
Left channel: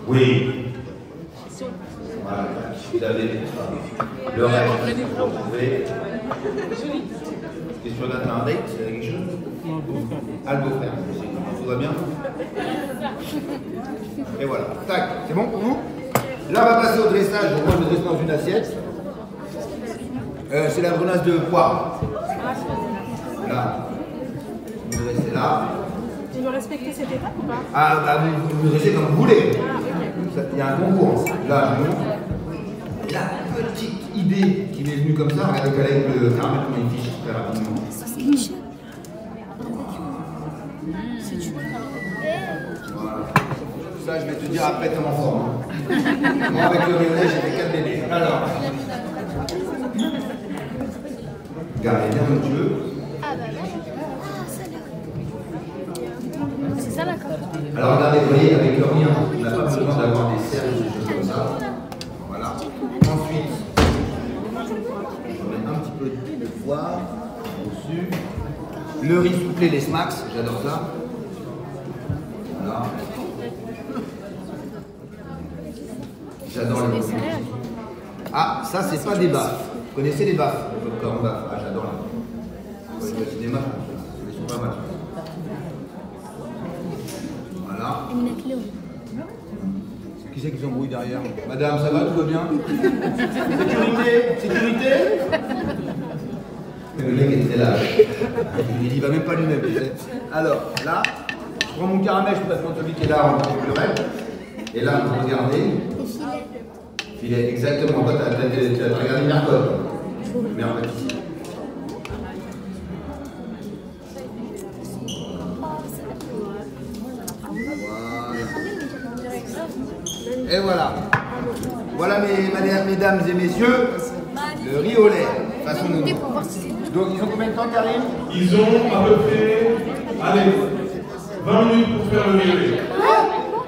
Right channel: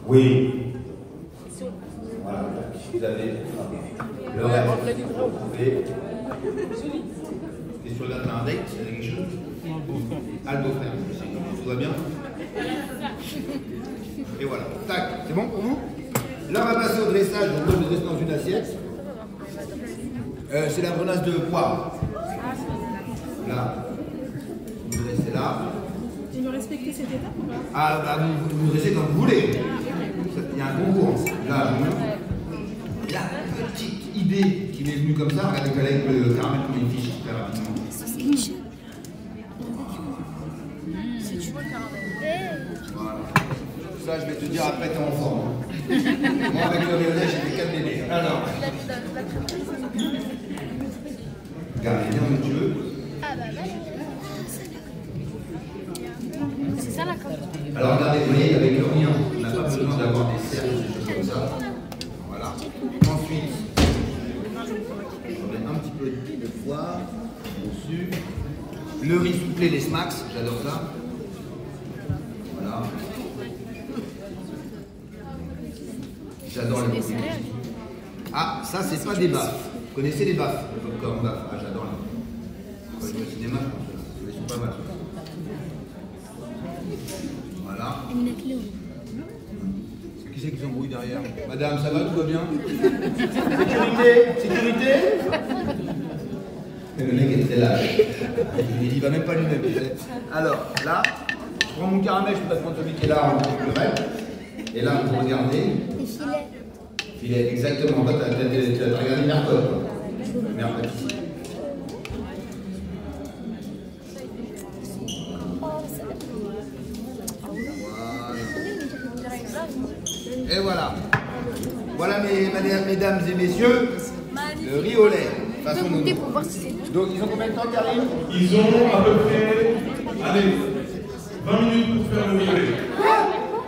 Oui. Voilà. Vous avez le reste, vous pouvez. Et sur là, t'as un date, c'est quelque chose? Ah, le beau-frère. Tout va bien? Et voilà. Tac, c'est bon pour vous? Là, on va passer au dressage. Donc, moi, je dresse dans une assiette. C'est la grenache de poire. Là. Vous dressez là. Tu dois respecter cette étape ou pas? Ah, bah, vous dressez comme vous voulez. Il y a un concours. Là, je montre. La petite idée qui m'est venue comme ça, regardez avec le caramel comme une fiche très rapidement. Voilà. Ça, je vais te dire après, t'es en forme. Moi, avec le rionnet, j'ai fait 4 bébés. Alors. Regardez bien mon Dieu. C'est ça la corde. Alors, regardez, vous voyez, avec le rien, on n'a pas besoin d'avoir des cercles ou des choses comme ça. Voilà. Ensuite, je mets un petit peu de poivre dessus. Le riz soufflé, les smacks, j'adore ça. Voilà. J'adore les baffes. Ah, ça, c'est pas des baffes. Vous connaissez les baffes? Le popcorn baffes. Ah, j'adore les baffes. Je vais au cinéma, je pense. Ils sont pas mal. Voilà. Qui c'est qui s'embrouille derrière? Madame, ça va, tout va bien? Sécurité? Sécurité? Mais le mec est très lâche. Il y va même pas lui-même. Alors, là, je prends mon caramel, je peux pas prendre celui qui est là, on prend le reste. Et là, vous regardez. Filet, exactement. Toi, tu as regardé Mercode. Mercode ici. Et voilà. Voilà, mesdames et messieurs, le riz au lait, façon nounou. Donc, ils ont combien de temps, Karim? Ils ont à peu près, allez, 20 minutes pour faire le riz au lait.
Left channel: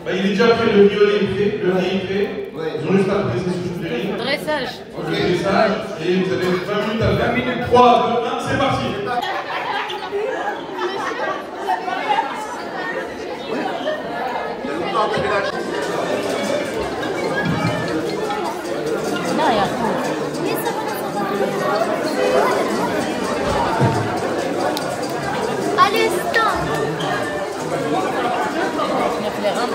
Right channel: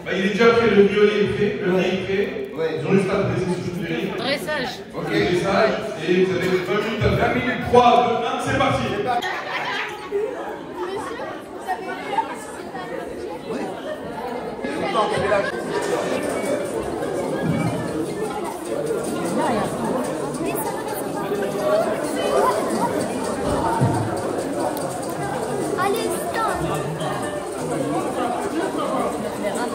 Bah, il est déjà fait, le riz au lait est fait, le riz est fait. Ouais. Ils ont juste à dresser sur le riz. Dressage. Ok. Dressage, et vous avez 20 minutes à 20 minutes. 3, 2, 1, c'est parti. Allez, stop. On a fait les reins,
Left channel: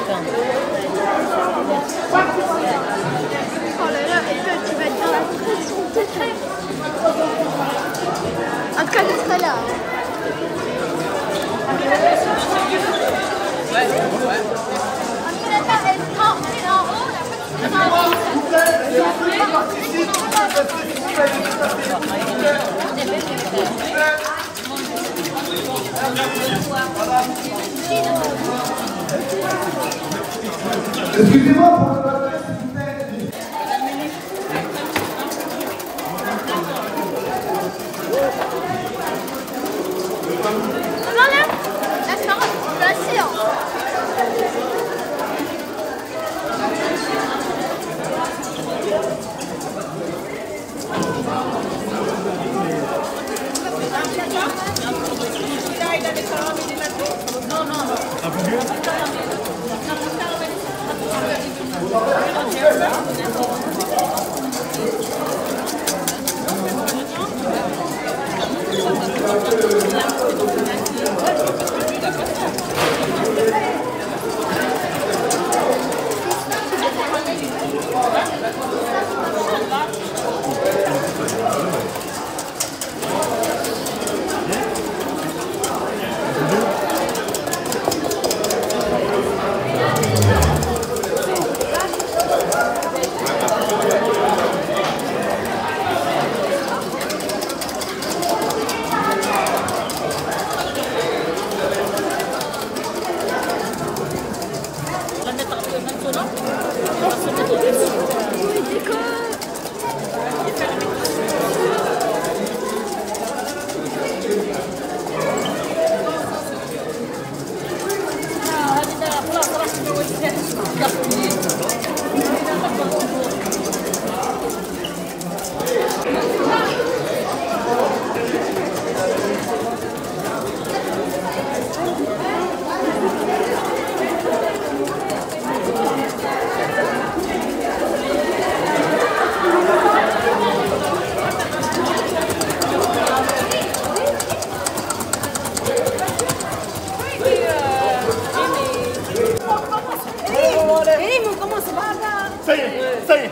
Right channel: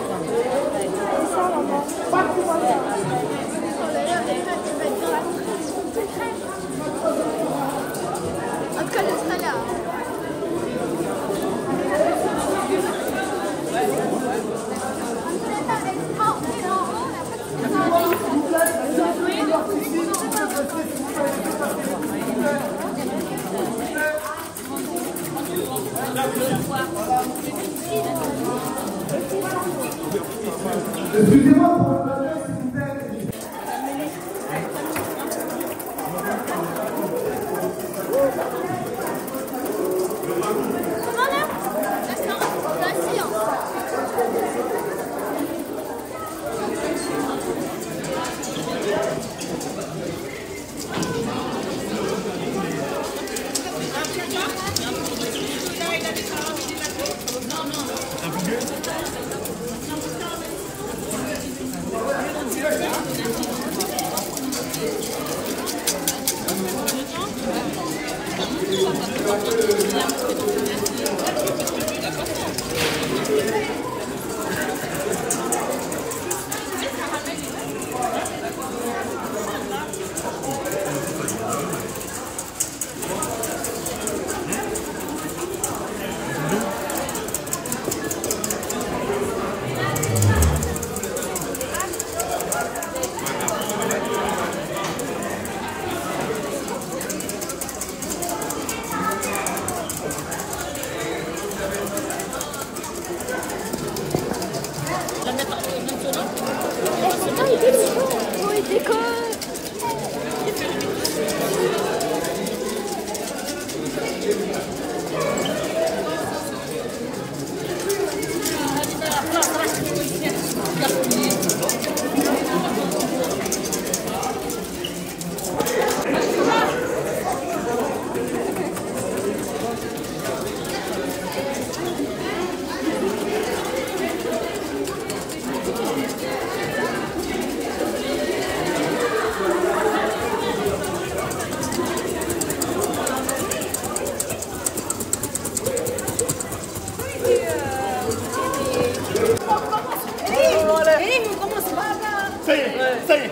Ça y est,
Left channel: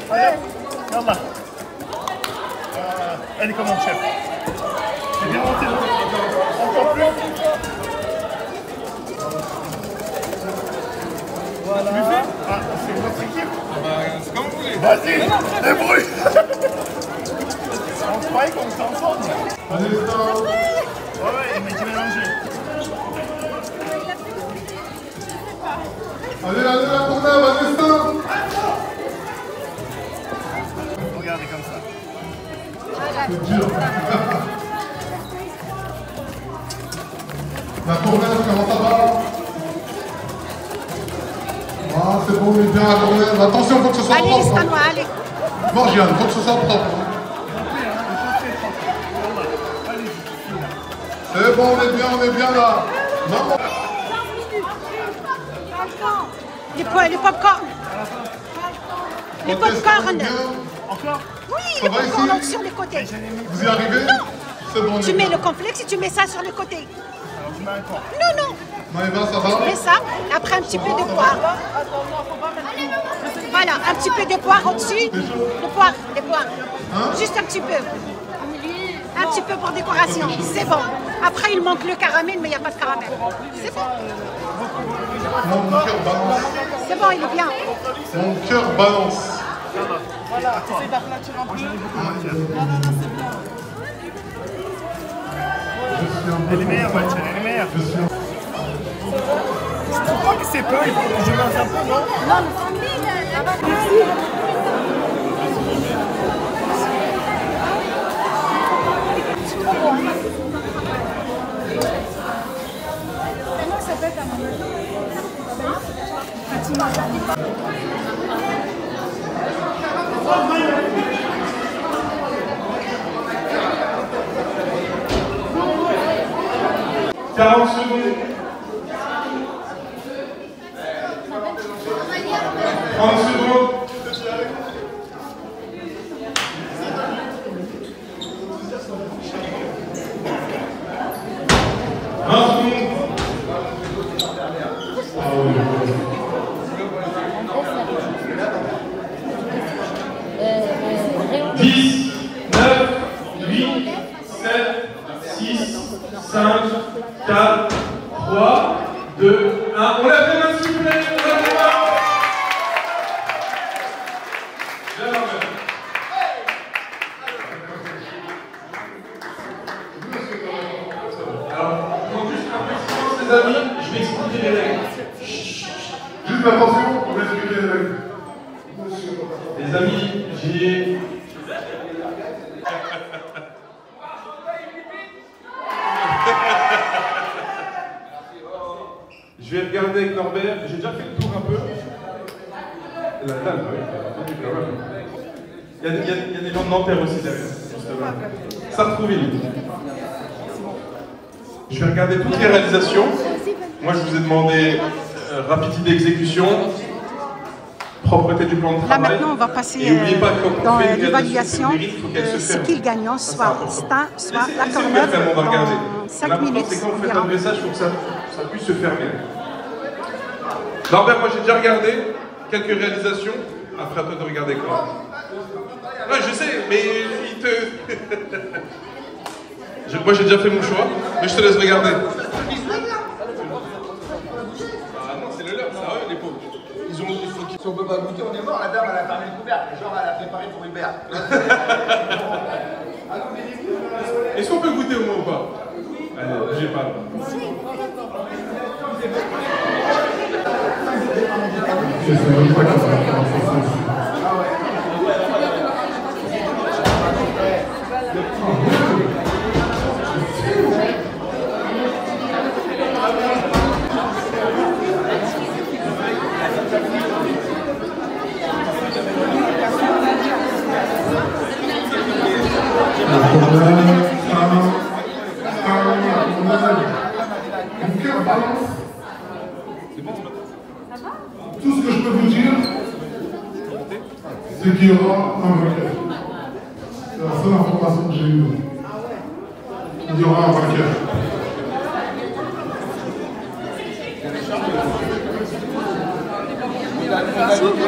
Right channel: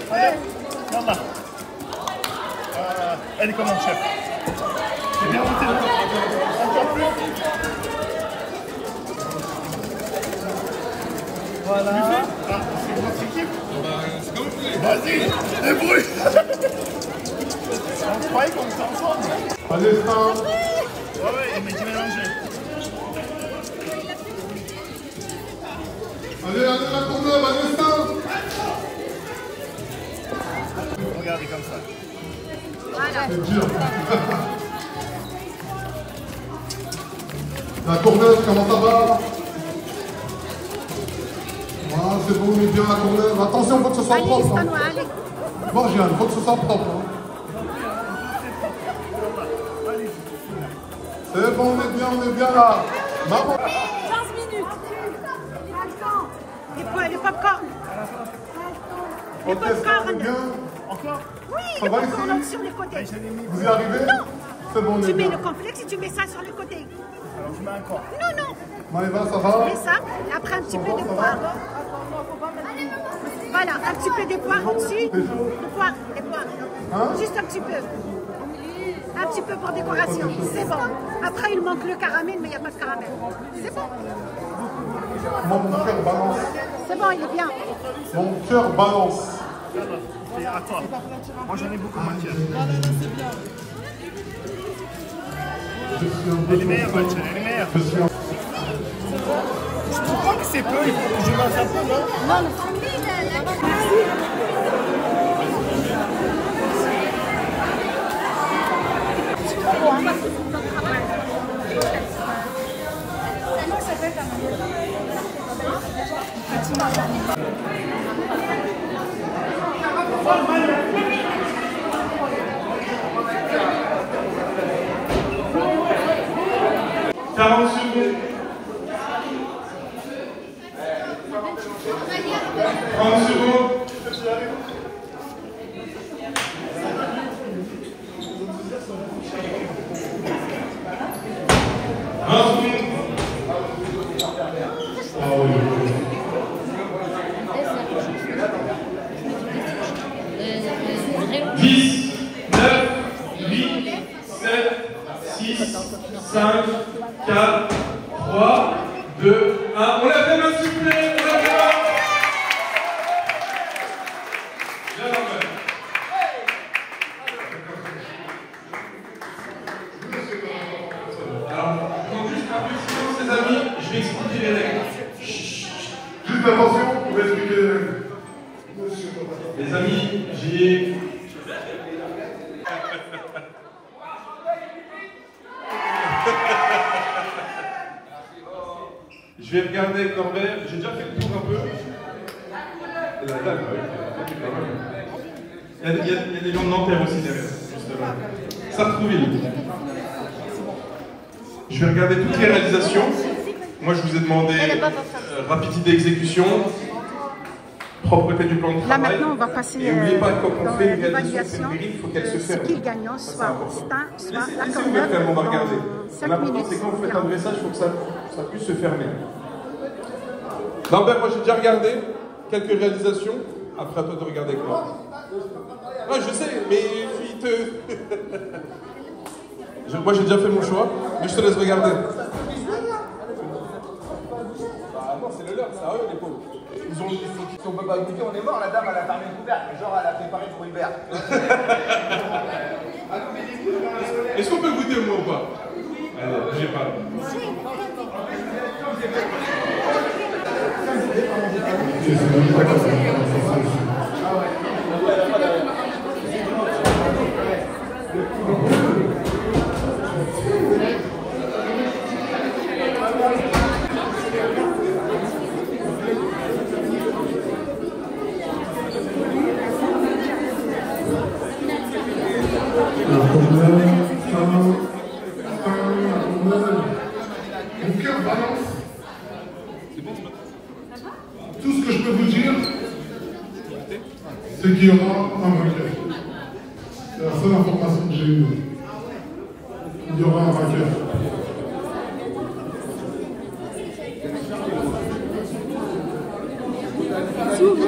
allez, Yallah. Elle est comment, chef? C'est bien monté, encore plus. Voilà. Tu fais? Ah, c'est notre équipe? C'est comme vous voulez. Vas-y, débrouille. On croyait qu'on était ensemble. Ouais, mais tu mélanger. Allez, la tournée, Vanessa. Regardez comme ça. C'est dur. La tournée, comment ça va? Ah, c'est bon, il est bien la tournée. Attention, il faut que ce soit allez, propre. allez, allez. Bon, Gian, il faut que ce soit propre. C'est bon, on est bien là. Non. Les pop-corn. Les pop-corn. Encore? Oui, ça les va pop-corn ici? sur les côtés. Vous y arrivez? Non. C'est bon, Tu mets le complexe et tu mets ça sur les côtés. Alors, je mets un corps. Non, non. Maëva, ça Tu va? mets ça, après un petit peu de poire. Voilà, un petit peu de poire au-dessus. De poire, des poires. Hein? Juste un petit peu. Un petit peu pour décoration. C'est bon. Après, il manque le caramel, mais il n'y a pas de caramel. C'est bon. Mon cœur balance. C'est bon, il est bien. Mon cœur balance. À toi. Moi, j'en ai beaucoup de matière. Elle est meilleure, Mathieu, elle est meilleure. Je crois que c'est peu, il faut que je mange un peu, non? Non, ça peut être un moment. Fatima. 40 secondes. 30 secondes. 10, 9, 8, 7, 6, 5, 4, 3, 2, 1. On l'a fait, main s'il vous plaît. Bien l'envers. Alors, donc juste un peu de silence, les amis, je vais expliquer les règles. Juste attention, on va expliquer les règles. Les amis, j'y ai... Je vais regarder avec Norbert, j'ai déjà fait le tour un peu. Il y a des gens de Nanterre aussi derrière. Sartrouville. Je vais regarder toutes les réalisations. Moi je vous ai demandé rapidité d'exécution, propreté du plan de Là travail. maintenant, on va passer dans l'évaluation. Ce qui est gagnant, soit Stein, soit la Corneuve, dans 5 minutes. C'est quand vous faites un message pour que ça puisse se fermer. Norbert, moi j'ai déjà regardé quelques réalisations. Après, à toi de regarder quoi. Ouais, je sais, mais il te... Moi j'ai déjà fait mon choix, mais je te laisse regarder. Bah non, c'est le leur, c'est à eux les pauvres. Si on peut pas goûter, on est mort. La dame, elle a fermé le couvercle. Genre, elle a préparé pour Hubert. Est-ce qu'on peut goûter au moins ou pas? Allez, bougez pas. Tout ce que je peux vous dire, c'est qu'il y aura un vainqueur. C'est la seule information que j'ai eue. Il y aura un vainqueur.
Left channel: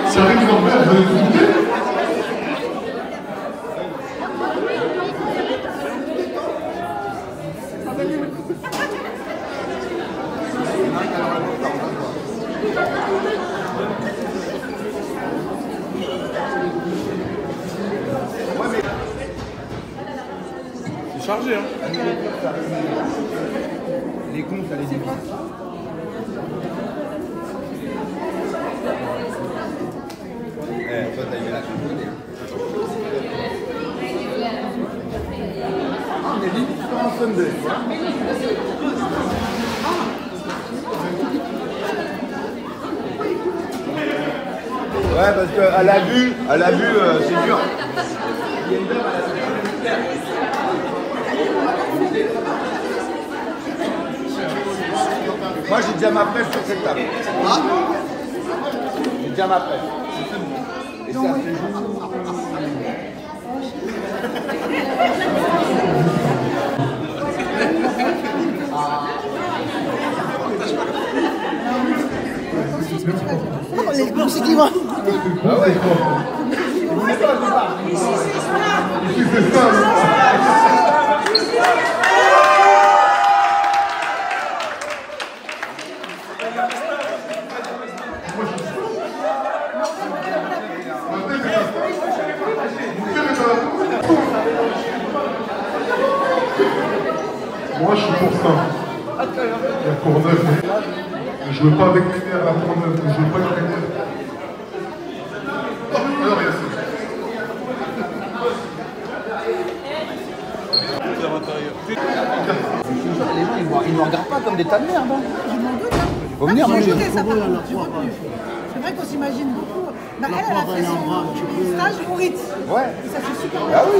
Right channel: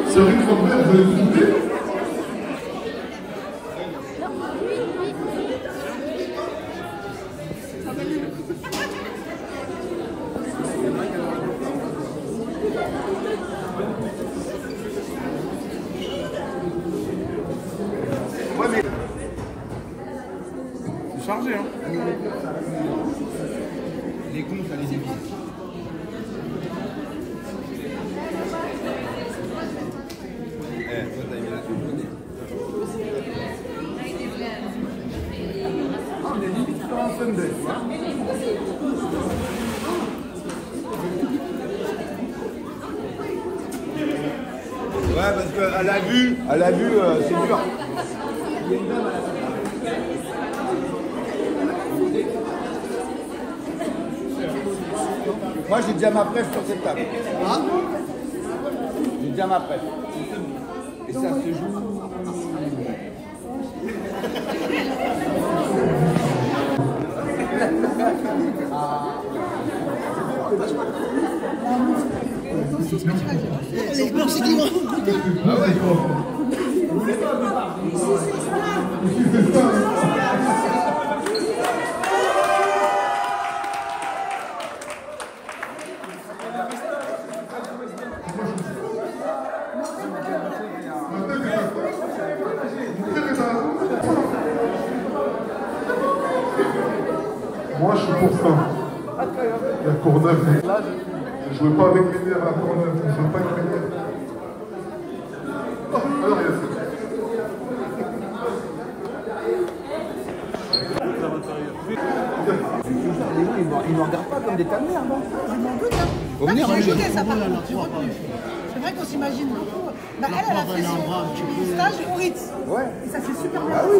Cyril Norbert, vous avez écouté? Ouais, mais... C'est chargé, hein. La nourriture, ça arrive. Les cons, ça les évite. Toi, t'as aimé la cuisine. On est limite en Sunday. Ouais, parce qu'à la vue, c'est dur. Moi, j'ai déjà ma presse sur cette table. J'ai déjà ma presse. Et ça se joue. Les blanchis qui vont. Ah ouais. Moi, je suis pour ça. La Courneuve. Je veux pas avec les nerfs, la Courneuve. Je veux pas avec les nerfs. Alors, il y a ça. Les gens, ils nous regardent pas comme des tas de merde. Je m'en doute. Faut venir, j'ai hein, écouté les ça par contre, tu vois plus. C'est vrai qu'on s'imagine beaucoup. Bah, elle a fait son stage au Ritz. Ouais. Et ça c'est super bien. Ah oui.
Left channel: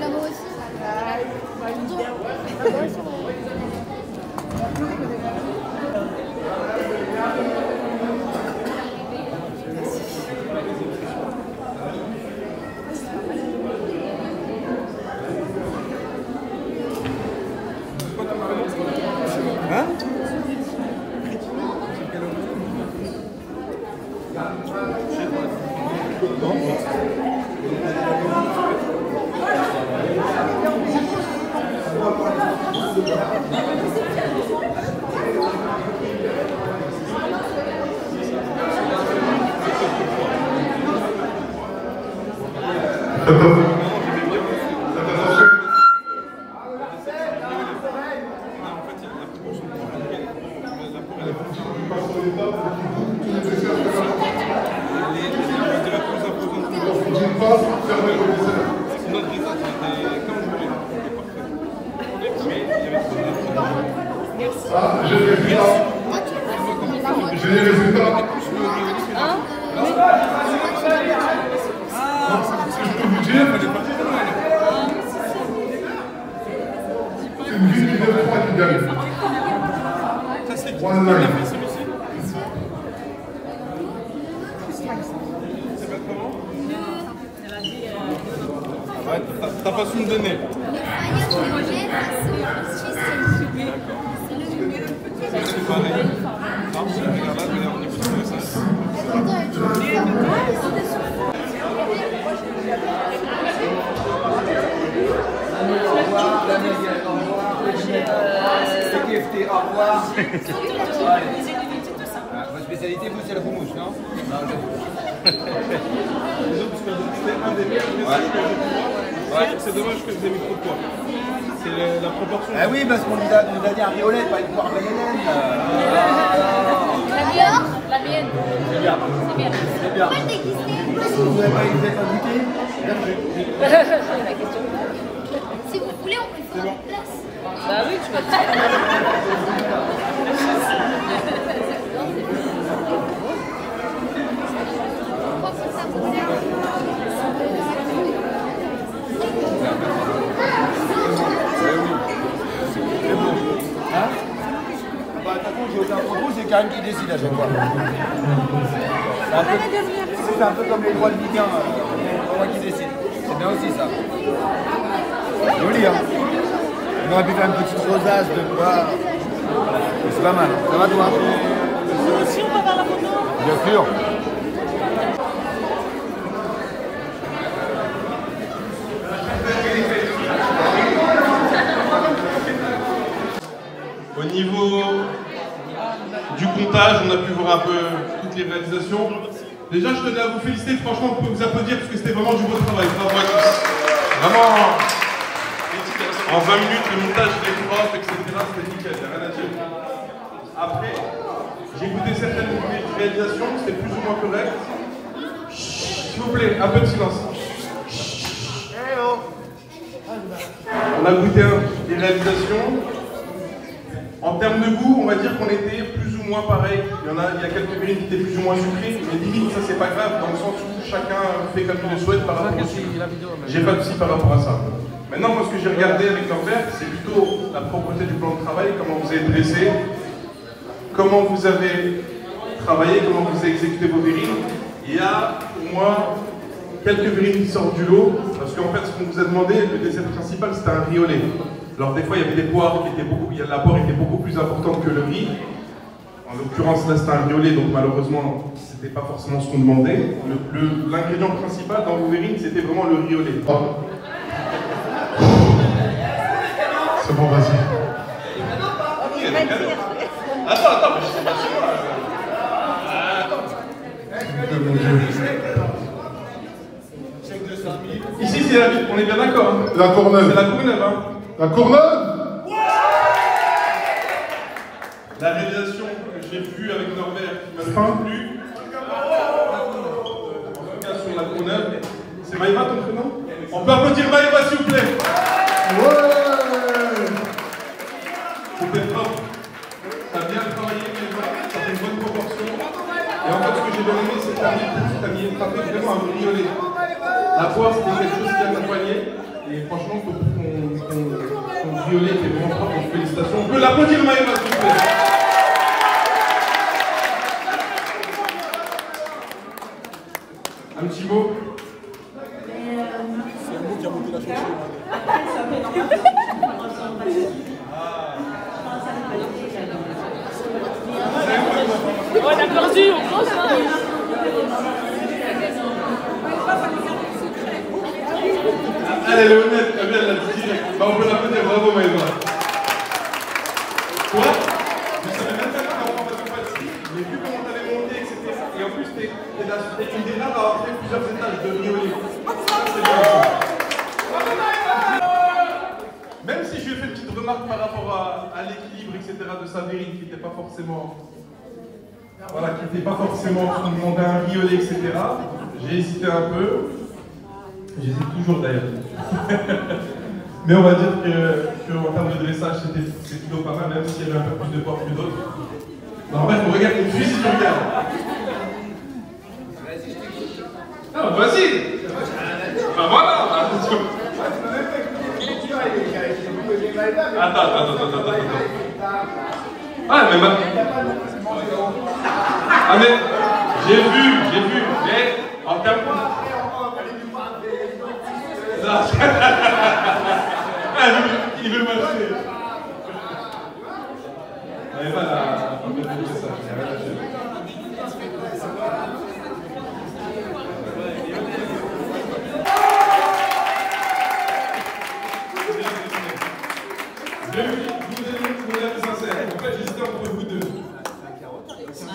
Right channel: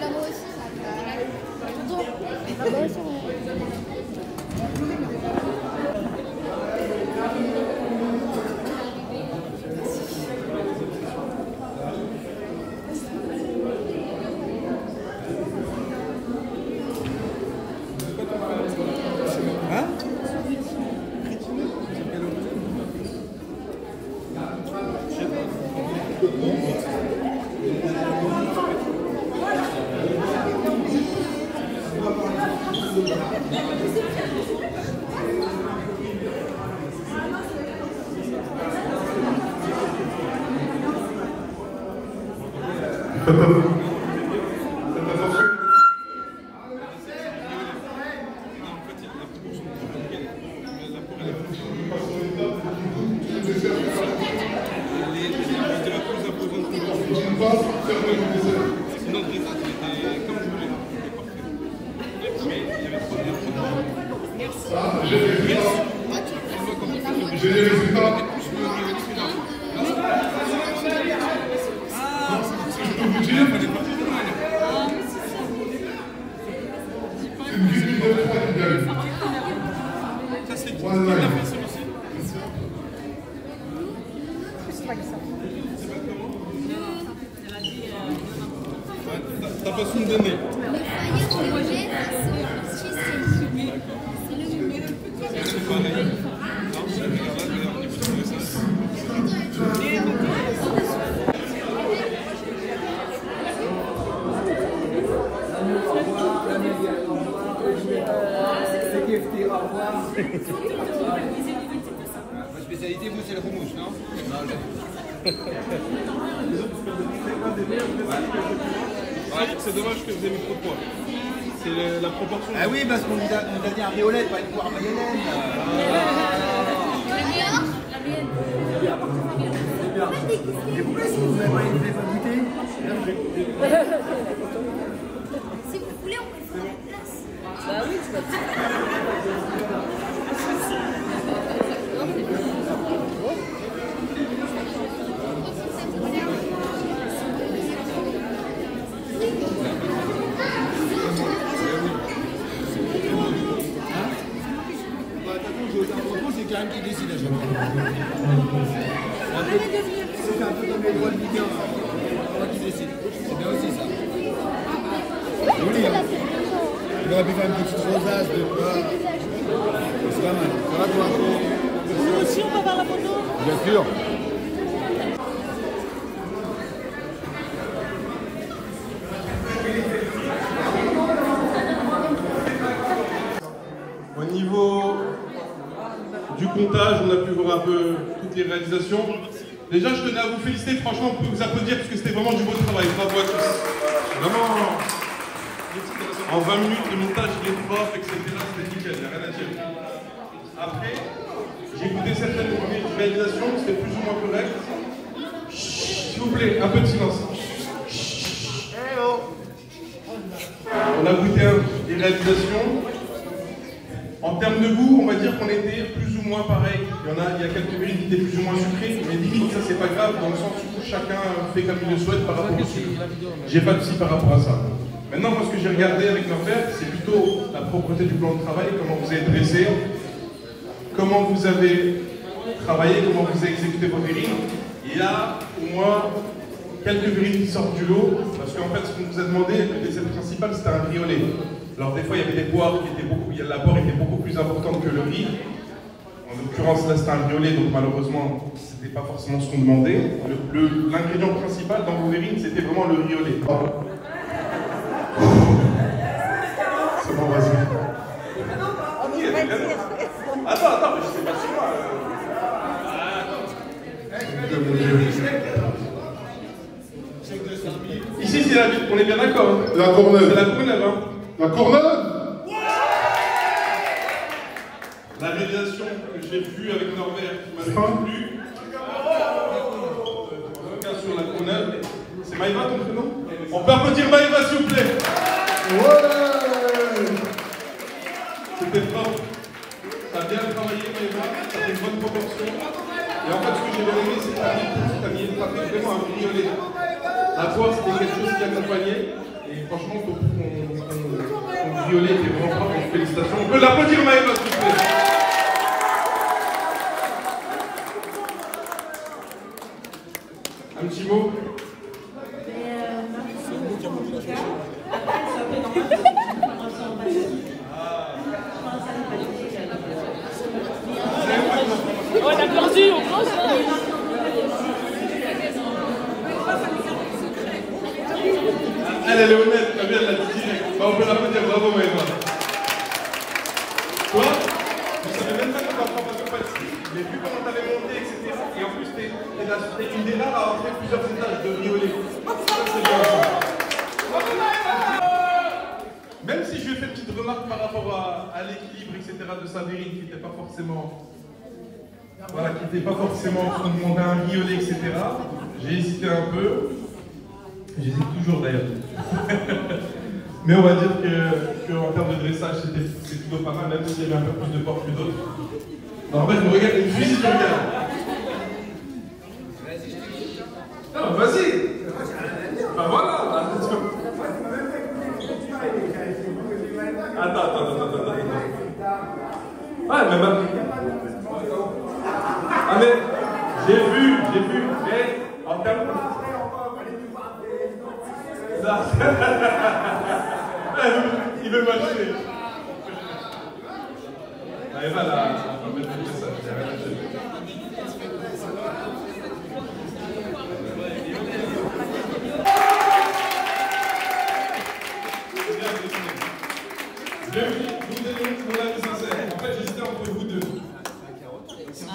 Là-bas aussi. Là-bas aussi. Hein? J'ai les résultats. J'ai les résultats. line. Ça, c'est qui? One Qui a line. fait celui-ci? C'est pas comment? Ouais, ta façon de donner. Le foyer du projet Suisse. C'est pareil. Non, je regarde là, au niveau du message. Votre spécialité, vous, c'est le houmous, non? Les autres, c'est un des meilleurs restos que j'ai pu voir. C'est dommage que vous ayez mis trop de poids. C'est la proportion. Ah oui, parce qu'on nous a dit un riolet, pas une poire mayonnaise. La meilleure? La mienne. C'est bien. C'est bien. Pourquoi le déguiser? Vous n'avez pas goûté? Si vous voulez, on peut le faire en place. Ah oui, tu peux. C'est Karine qui décide à chaque fois. C'est un peu comme les droits de Ligue 1, c'est moi qui décide. C'est bien aussi ça. Joli, hein. On aurait pu faire une petite rosace de bois. C'est pas mal. Ça va toi? Nous aussi, on va voir la photo. Bien sûr. Au niveau du comptage, on a pu voir un peu toutes les réalisations. Déjà, je tenais à vous féliciter, franchement, on peut vous applaudir parce que c'était vraiment du beau travail. Bravo à tous. Vraiment, en 20 minutes, le montage, les profs, etc., c'était nickel, il n'y a rien à dire. Après, j'ai écouté certaines réalisations, c'était plus ou moins correct. S'il vous plaît, un peu de silence. On a goûté des réalisations. En termes de goût, on va dire qu'on était plus ou moins pareil. Il y a quelques verrines qui étaient plus ou moins sucrées, mais limite, ça c'est pas grave, dans le sens où chacun fait comme il le souhaite par rapport au sucre. J'ai pas de souci par rapport à ça. Maintenant, moi, ce que j'ai regardé avec Norbert, c'est plutôt la propreté du plan de travail, comment vous avez dressé, comment vous avez travaillé, comment vous avez exécuté vos verrines. Il y a au moins quelques verrines qui sortent du lot, parce qu'en fait, ce qu'on vous a demandé, le dessert principal, c'était un riolet. Alors des fois, il y avait des poires qui étaient la poire était beaucoup plus importante que le riz. En l'occurrence, là, c'était un riolet, donc malheureusement, c'était pas forcément ce qu'on demandait. L'ingrédient principal dans vos verrines, c'était vraiment le riolet. C'est bon, vas-y. Attends, je sais pas si moi. Ici, c'est la ville, on est bien d'accord. La Courneuve. C'est la Courneuve, hein. La Courneuve? La réalisation que j'ai vue avec Norbert qui m'avait plu, en tout cas sur la Courneuve, c'est Maïva ton prénom? On peut applaudir Maïva s'il vous plaît? Ouais! C'était fort. T'as bien travaillé Maïva, t'as une bonne proportion. Et en fait ce que j'ai bien aimé c'est que t'as mis vraiment un riolet. La poire c'était quelque chose qui accompagnait. Et franchement ton violet était vraiment fort, donc félicitations. On peut l'applaudir Maïva s'il vous plaît? Un petit mot? C'est le mot qui a monté la chanson. On a perdu, on pense. Elle est honnête, elle vient de la dit direct. On peut l'applaudir, bravo Maïva. Toi, je savais même pas que ta formation pâtisserie. J'ai vu comment t'avais monté, etc. Et en plus, t'es une des rares à avoir fait plusieurs étages de riolet. Même si je lui ai fait une petite remarque par rapport à l'équilibre, etc. de sa verrine qui n'était pas forcément. Voilà, qui n'était pas forcément ce qu'on demandait un riolet, etc. J'ai hésité un peu. J'hésite toujours d'ailleurs. Mais on va dire qu'en termes de dressage, c'était plutôt pas mal, même s'il y avait un peu plus de portes que d'autres. Non, en fait, on regarde une fille si tu regardes. Non, vas-y. Bah voilà. Attends. Ah, mais ah, mais j'ai vu, mais en termes il veut marcher. Elle va là,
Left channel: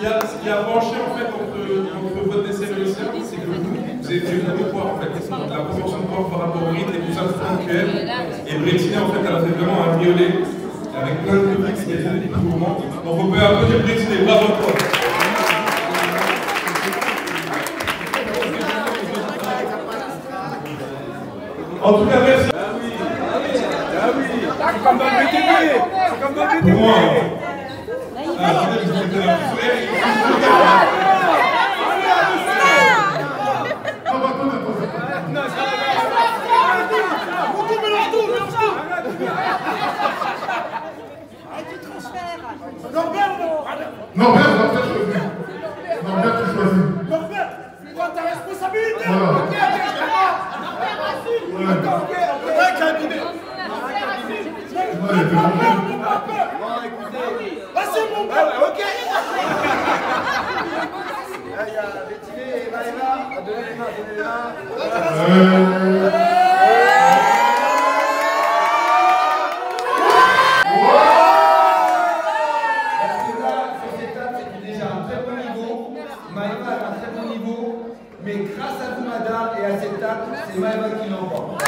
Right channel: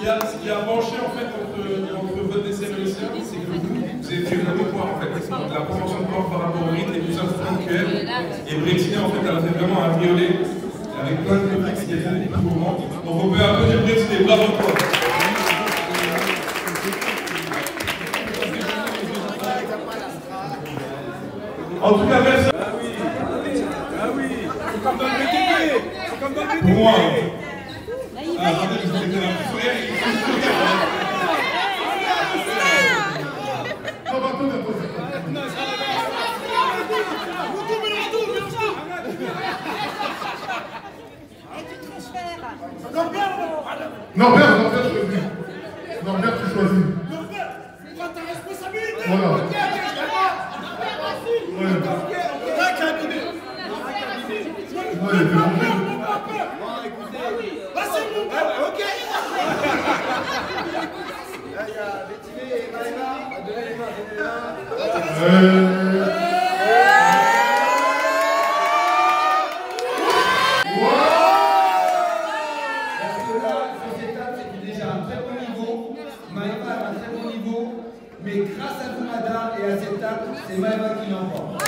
Ce qui a branché en fait entre votre dessert et le sien, c'est que vous avez fait le poids en fait, la proportion de poids par rapport au rythme et tout ça, et Brexit en fait, elle a fait vraiment un violet avec plein de petits qui étaient des mouvements. Donc on peut applaudir Brexit, bravo toi. En tout cas, merci. C'est comme dans le BTP. C'est comme dans le BTP. Pour moi. Attendez, je vous ai fait la petite soirée. Norbert, choisis. Norbert, tu choisis. Norbert, c'est toi ta responsabilité. Voilà. Un cabinet. C'est mon père. Ok. Là, il y a Bettiné et Maëva. Donnez les mains, Maëva a un très bon niveau, mais grâce à vous, madame, et à cette table, c'est Maëva qui l'emporte.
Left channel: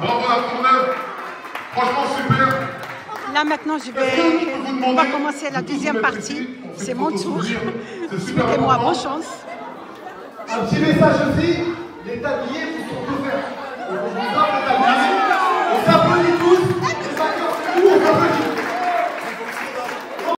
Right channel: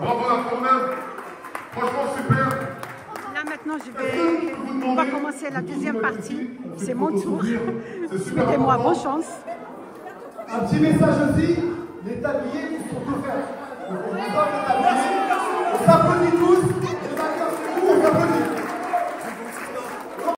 Bravo la Courneuve, franchement super. Là maintenant, on va commencer la deuxième partie. C'est mon tour. Souhaitez-moi bonne chance. Un petit message aussi, les tabliers vous sont ouverts. Donc on vous donne le tablier, on s'applaudit tous, on s'applaudit.